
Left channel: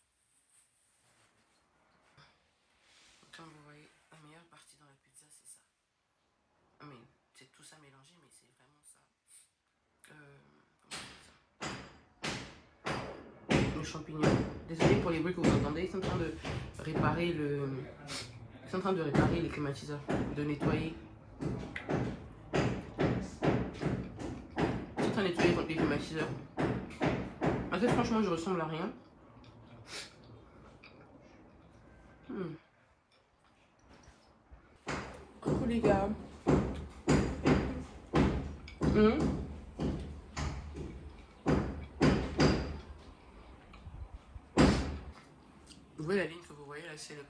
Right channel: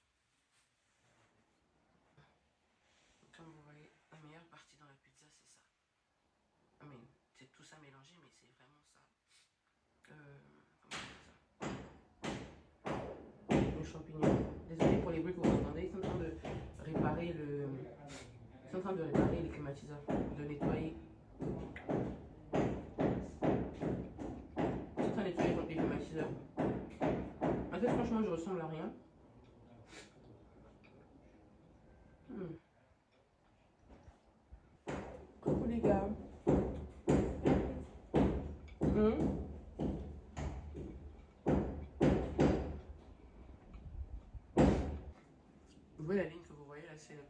Comme vous voyez, la meilleure partie dans la pizza, c'est ça. Mais c'est tout ça mélangé, mais c'est vraiment ça. Comment on dit ça? Les champignons. Désolée pour les bruits que vous entendez, ils sont en train de réparer le... Ils sont en train de réparer les climatiseurs, de nettoyer. Ils sont en train de nettoyer les climatiseurs. En fait, franchement, je ressemble à rien. Coucou les gars. Vous voyez la ligne que vous voyez là, c'est le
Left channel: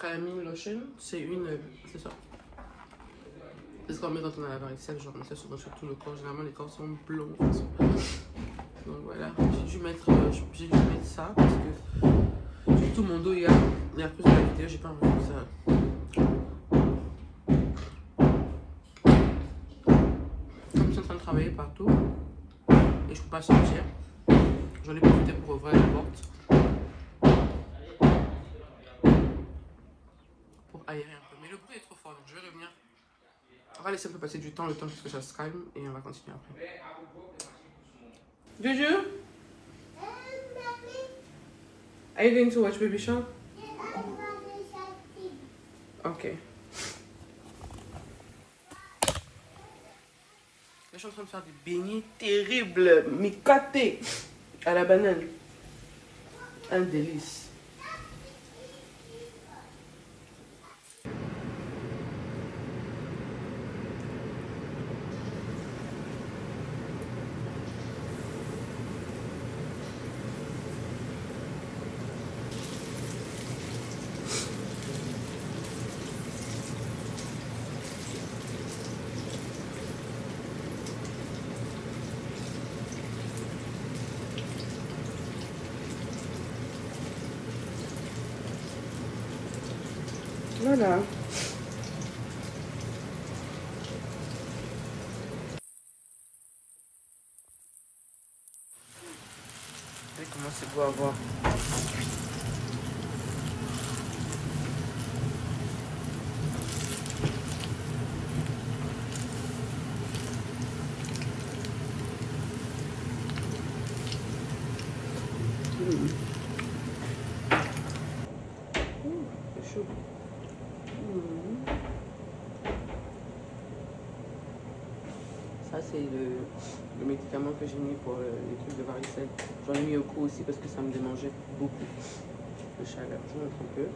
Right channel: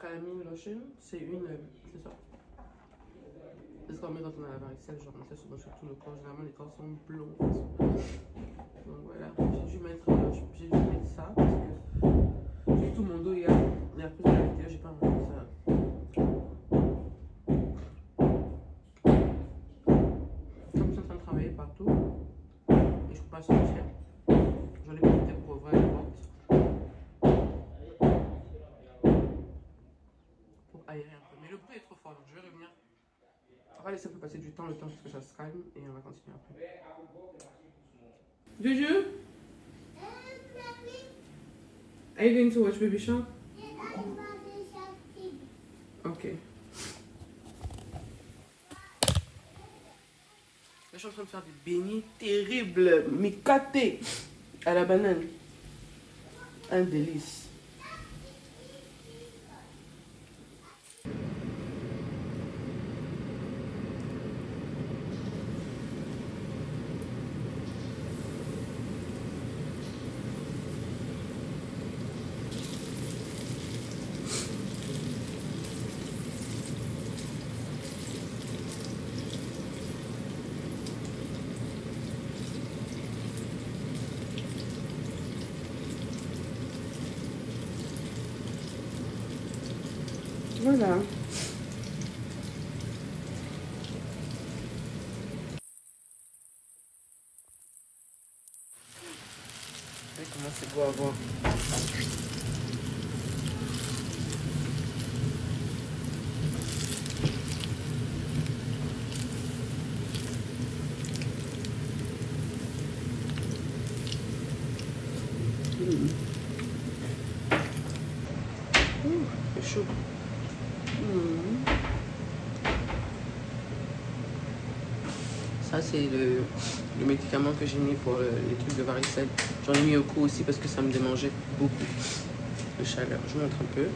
calamine lotion. C'est une... c'est ça. C'est ce qu'on met quand on a la varicelle, genre on met ça souvent sur tout le corps. Généralement les corps sont blonds. Donc voilà, j'ai dû mettre ça parce que sur tout mon dos il y a... Mais à cause de la vidéo, j'ai pas envie de ça. Comme je suis en train de travailler partout et je peux pas sortir, j'en ai profité pour ouvrir la porte. Pour aérer un peu. Mais le bruit est trop fort, donc je vais revenir. On va laisser un peu passer du temps, le temps que ça se calme et on va continuer après. Juju? Are you going to watch Baby Shark? Ok. Là, je suis en train de faire des beignets terribles, mais catés à la banane. Un délice. Voilà. Regardez comment c'est beau à voir. C'est chaud. Ça, c'est le médicament que j'ai mis pour les trucs de varicelle. J'en ai mis au cou aussi parce que ça me démangeait beaucoup de chaleur. Je vous montre un peu.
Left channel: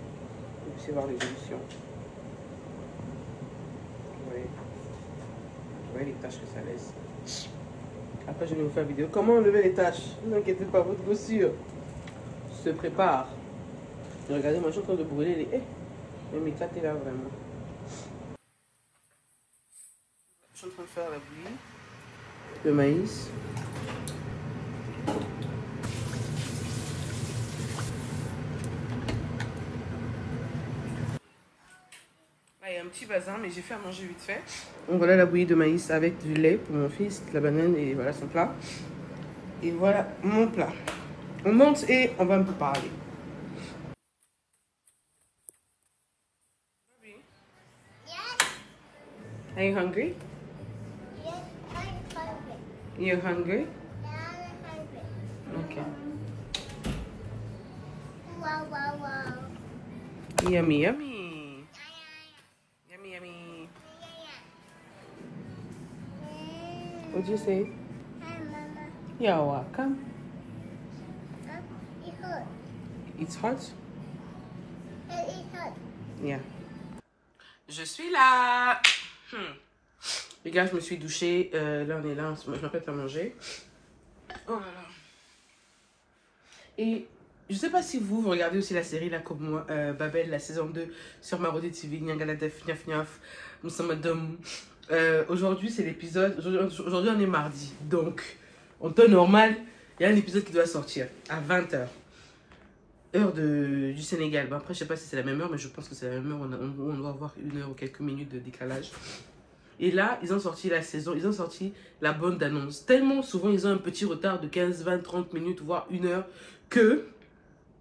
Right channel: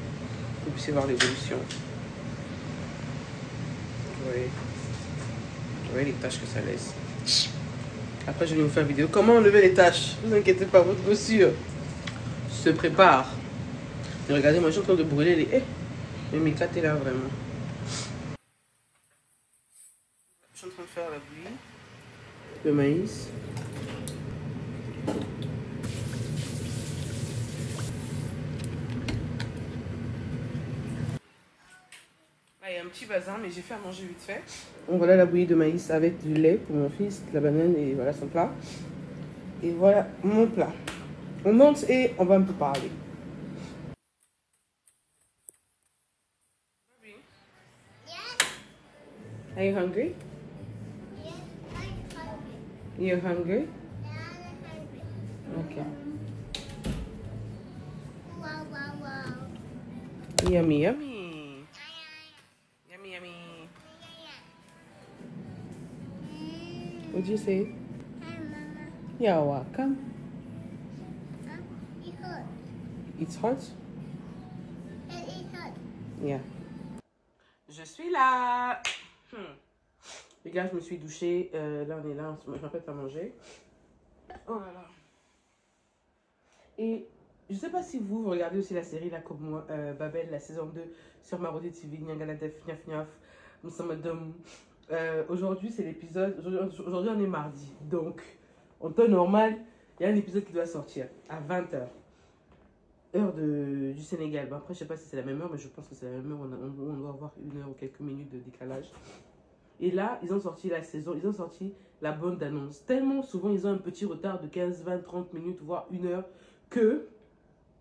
Vous puissiez voir l'évolution. Vous voyez les taches que ça laisse. Après, je vais vous faire une vidéo. Comment enlever les taches? Ne vous inquiétez pas, votre chaussure se prépare. Et regardez, moi, je suis en train de brûler les... mais mes quatre est là, vraiment. Je suis en train de faire la bouillie. Le maïs. Là, il y a un petit bazin, mais j'ai fait à manger vite fait. Donc voilà la bouillie de maïs avec du lait pour mon fils, de la banane et voilà son plat. Et voilà mon plat. On monte et on va un peu parler. Are you hungry? Yes, I'm hungry. You're hungry? Yeah, I'm hungry. Okay. Wow, wow, wow. Yummy, yummy. Yummy, yummy. What'd you say? Hi, Mama. You're welcome. It hurt. It's hot? And it hurt. Yeah. Je suis là. Les gars, je me suis douchée. Là, on est là. Je m'apprête à manger. Oh là là. Et je sais pas si vous regardez aussi la série là comme moi, Babel, la saison 2 sur Marodi TV, Nyangaladef, Niaf Niaf, Moussamadom. Aujourd'hui, c'est l'épisode. Aujourd'hui, on est mardi. Donc, en temps normal, il y a un épisode qui doit sortir à 20h. Heure du Sénégal. Bon, après, je sais pas si c'est la même heure, mais je pense que c'est la même heure. On doit avoir 1 heure ou quelques minutes de décalage. Et là, ils ont sorti la saison, ils ont sorti la bande annonce. Tellement souvent, ils ont un petit retard de 15, 20, 30 minutes, voire 1 heure, que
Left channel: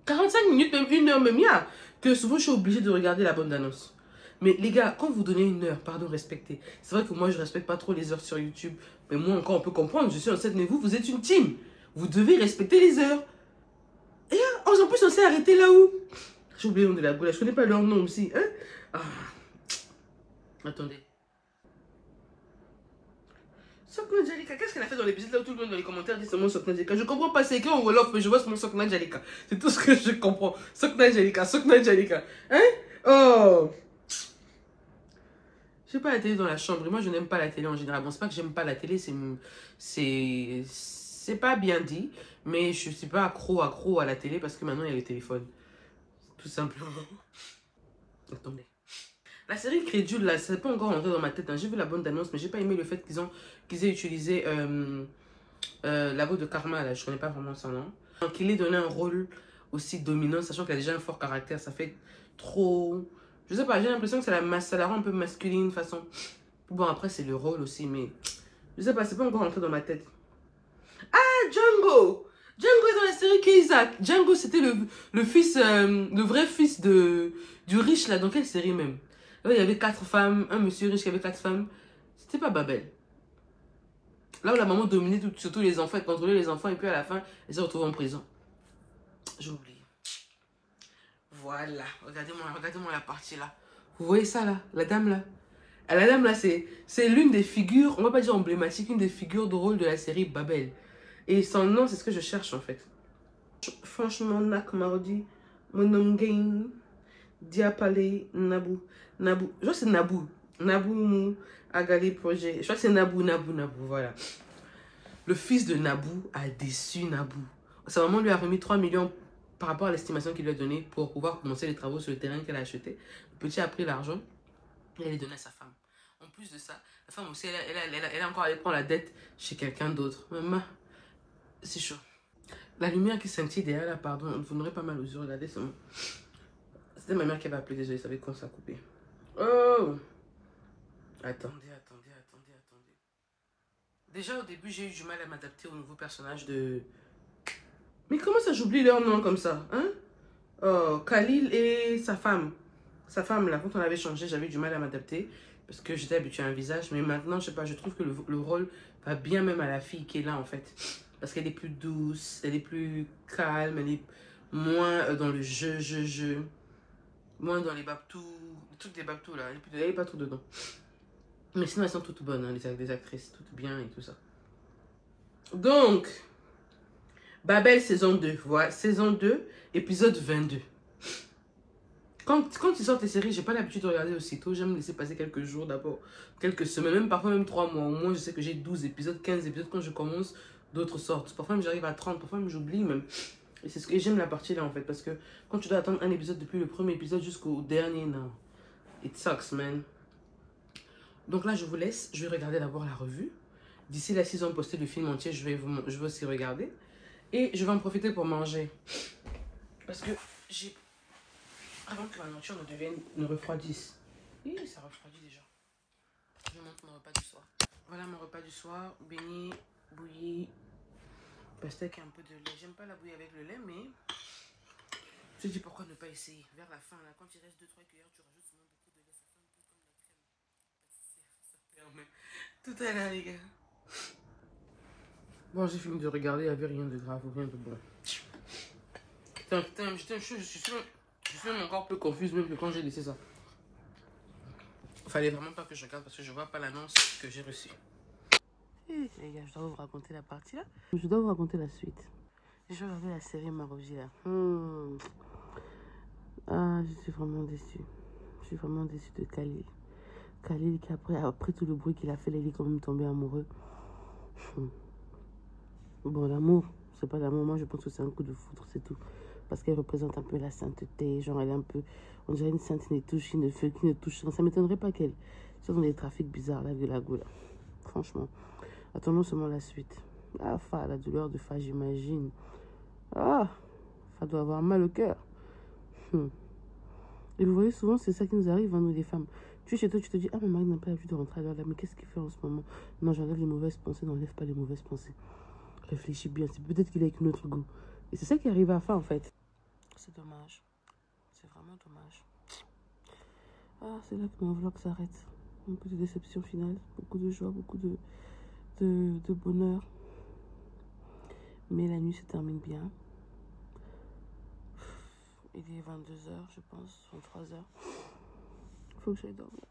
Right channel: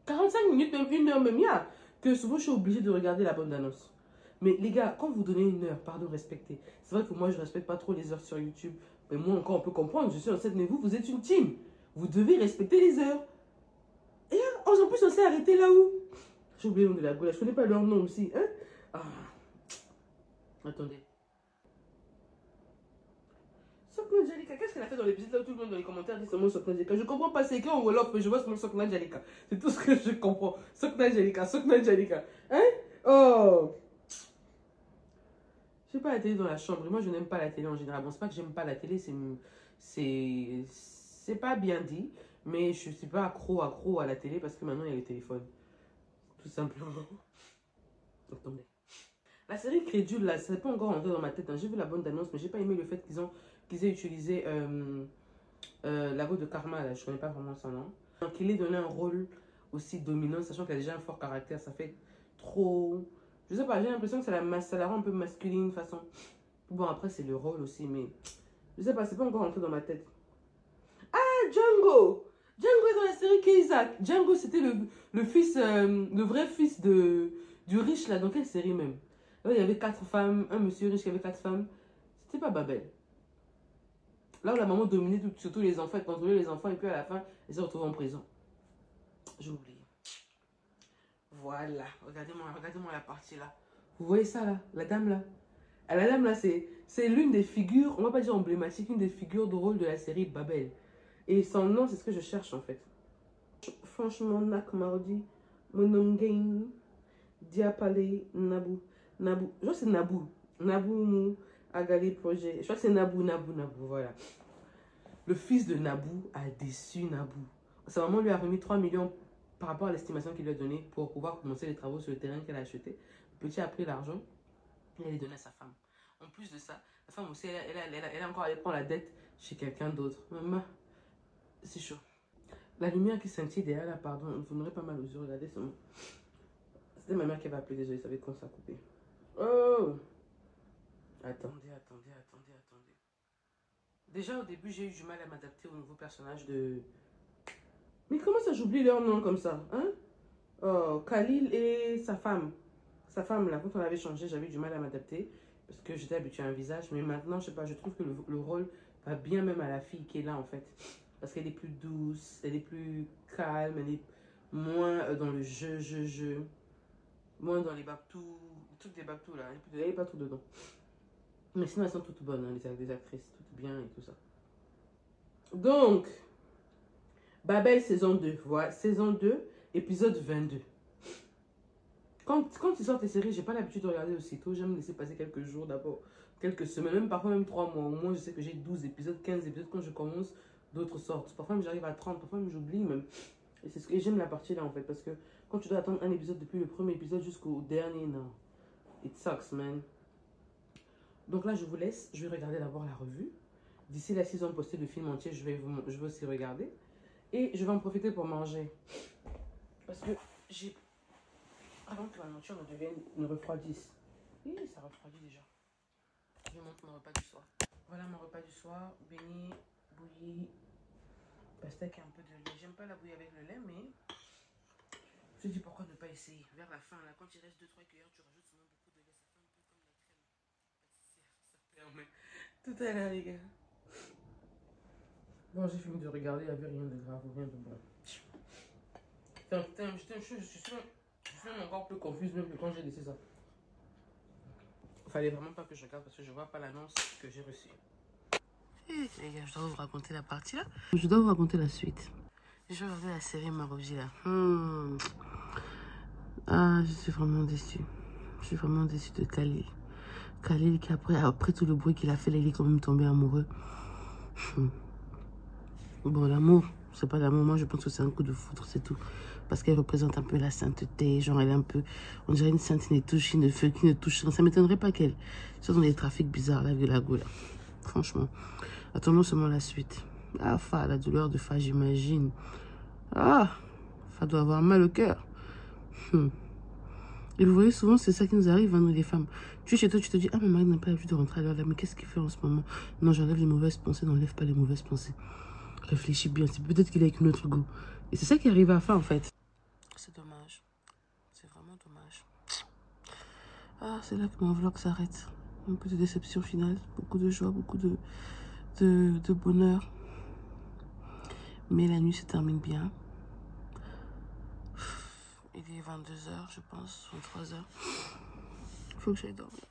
45 minutes, même 1 heure, même il y a, que souvent je suis obligée de regarder la bande annonce. Mais les gars, quand vous donnez 1 heure, pardon, respectez. C'est vrai que moi, je respecte pas trop les heures sur YouTube. Mais moi, encore, on peut comprendre. Je suis enceinte, mais vous êtes une team. Vous devez respecter les heures. Et là, en plus, on s'est arrêté là où? J'ai oublié le nom de la goula. Je connais pas leur nom aussi. Hein? Ah. Attendez. Sokna Jalika, qu'est-ce qu'elle a fait dans l'épisode là où tout le monde dans les commentaires dit seulement Sokna Jalika? Je comprends pas, c'est écrit en Wolof, mais je vois seulement Sokna Jalika. C'est tout ce que je comprends. Sokna Jalika, Sokna Jalika. Hein? Oh! Je n'ai pas la télé dans la chambre. Et moi, je n'aime pas la télé en général. Bon, c'est pas que j'aime pas la télé, c'est pas bien dit. Mais je suis pas accro à la télé parce que maintenant, il y a le téléphone. Tout simplement. Attendez. La série Crédule, là, c'est pas encore rentré dans ma tête. Hein. J'ai vu la bande annonce, mais j'ai pas aimé le fait qu'ils aient utilisé la voix de Karma, là. Je connais pas vraiment son nom. Qu'il ait donné un rôle aussi dominant, sachant qu'elle a déjà un fort caractère. Ça fait trop... Je sais pas, j'ai l'impression que ça la rend un peu masculine de façon. Bon, après, c'est le rôle aussi, mais je sais pas, c'est pas encore rentré dans ma tête. Ah, Django! Django est dans la série Keisak. Django, c'était le fils, le vrai fils du riche, là. Dans quelle série même? Là, il y avait 4 femmes, un monsieur riche qui avait 4 femmes. C'était pas Babel. Là où la maman dominait surtout les enfants, elle contrôlait les enfants, et puis à la fin, elle s'est retrouvée en prison. J'ai oublié. Voilà, regardez-moi la partie là. Vous voyez ça là, la dame là. La dame là, c'est l'une des figures, on va pas dire emblématique, une des figures de rôle de la série Babel. Et son nom, c'est ce que je cherche en fait. Franchement, Nak Mardi, mon nom gain, Diapale, Nabou. Je crois que c'est Nabou. Nabou Agali Projet. Je crois que c'est Nabou, voilà. Le fils de Nabou a déçu Nabou. Sa maman lui a remis 3 millions par rapport à l'estimation qu'il lui a donnée pour pouvoir commencer les travaux sur le terrain qu'elle a acheté. Le petit a pris l'argent et elle l'a donné à sa femme. En plus de ça, la femme aussi, elle a encore allé prendre la dette chez quelqu'un d'autre. Maman, c'est chaud. La lumière qui scintille derrière là, pardon, vous n'aurez pas mal aux yeux, regardez seulement. C'était ma mère qui avait appelé, désolé, ça avait quand ça a coupé. Oh! Attendez. Déjà au début, j'ai eu du mal à m'adapter au nouveau personnage de... Mais comment ça, j'oublie leur nom comme ça, hein? Oh, Khalil et sa femme. Sa femme, là, quand on avait changé, j'avais du mal à m'adapter. Parce que j'étais habituée à un visage. Mais maintenant, je sais pas, je trouve que le rôle va bien même à la fille qui est là, en fait. Parce qu'elle est plus douce, elle est plus calme, elle est moins dans le jeu. Moins dans les babtous, le truc des babtous, là. Elle n'est pas trop dedans. Mais sinon, elles sont toutes bonnes, hein, les actrices, toutes bien et tout ça. Donc... Babel saison 2, voilà, saison 2, épisode 22. Quand ils sortent les séries, j'ai pas l'habitude de regarder aussitôt. J'aime laisser passer quelques jours d'abord, quelques semaines, même parfois même 3 mois. Au moins, je sais que j'ai 12 épisodes, 15 épisodes quand je commence, d'autres sortent. Parfois même j'arrive à 30, parfois même j'oublie même. Et c'est ce que j'aime la partie là en fait, parce que quand tu dois attendre un épisode depuis le premier épisode jusqu'au dernier, non. It sucks, man. Donc là, je vous laisse. Je vais regarder d'abord la revue. D'ici là, s'ils ont posté le film entier, je vais aussi regarder. Et je vais en profiter pour manger. Parce que j'ai... Avant que ma nourriture ne refroidisse. Oui, ça refroidit déjà. Je montre mon repas du soir. Voilà mon repas du soir. Beignet, bouillie, pastèque et un peu de lait. J'aime pas la bouillie avec le lait, mais... Je me dis pourquoi ne pas essayer. Vers la fin, là, quand il reste 2-3 cuillères, tu rajoutes souvent beaucoup de lait. Ça fait un peu comme la crème. Ça permet. Tout à l'heure, les gars. Bon, j'ai fini de regarder, il n'y avait rien de grave ou rien de bon. Putain, je suis même encore plus confuse même que quand j'ai laissé ça. Fallait vraiment pas que je regarde parce que je vois pas l'annonce que j'ai reçue. Les gars, je dois vous raconter la partie là. Je dois vous raconter la suite. Je vais regarder la série Maroji là. Ah, je suis vraiment déçue. Je suis vraiment déçue de Khalil. Khalil qui après tout le bruit qu'il a fait, là, il est quand même tombé amoureux. Bon, l'amour, c'est pas l'amour. Moi, je pense que c'est un coup de foudre, c'est tout. parce qu'elle représente un peu la sainteté. Genre, elle est un peu, on dirait une sainte qui ne feu, qui ne touche rien. Ça m'étonnerait pas qu'elle soit dans des trafics bizarres, là, de la goule. Franchement. Attendons seulement la suite. Ah, Fa, la douleur de Fa, j'imagine. Ah, Fa doit avoir mal au cœur. Et vous voyez, souvent, c'est ça qui nous arrive, hein, nous les femmes. Tu es chez toi, tu te dis, ah, mon mari n'a pas l'habitude de rentrer à l'heure là, mais qu'est-ce qu'il fait en ce moment? Non, j'enlève les mauvaises pensées, n'enlève pas les mauvaises pensées. Réfléchis bien, c'est peut-être qu'il est avec notre goût. Et c'est ça qui arrive à la fin, en fait. C'est dommage. C'est vraiment dommage. Ah, c'est là que mon vlog s'arrête. Un peu de déception finale, beaucoup de joie, beaucoup de bonheur. Mais la nuit se termine bien. Il est 22 h, je pense, 23 h. Il faut que j'aille dormir.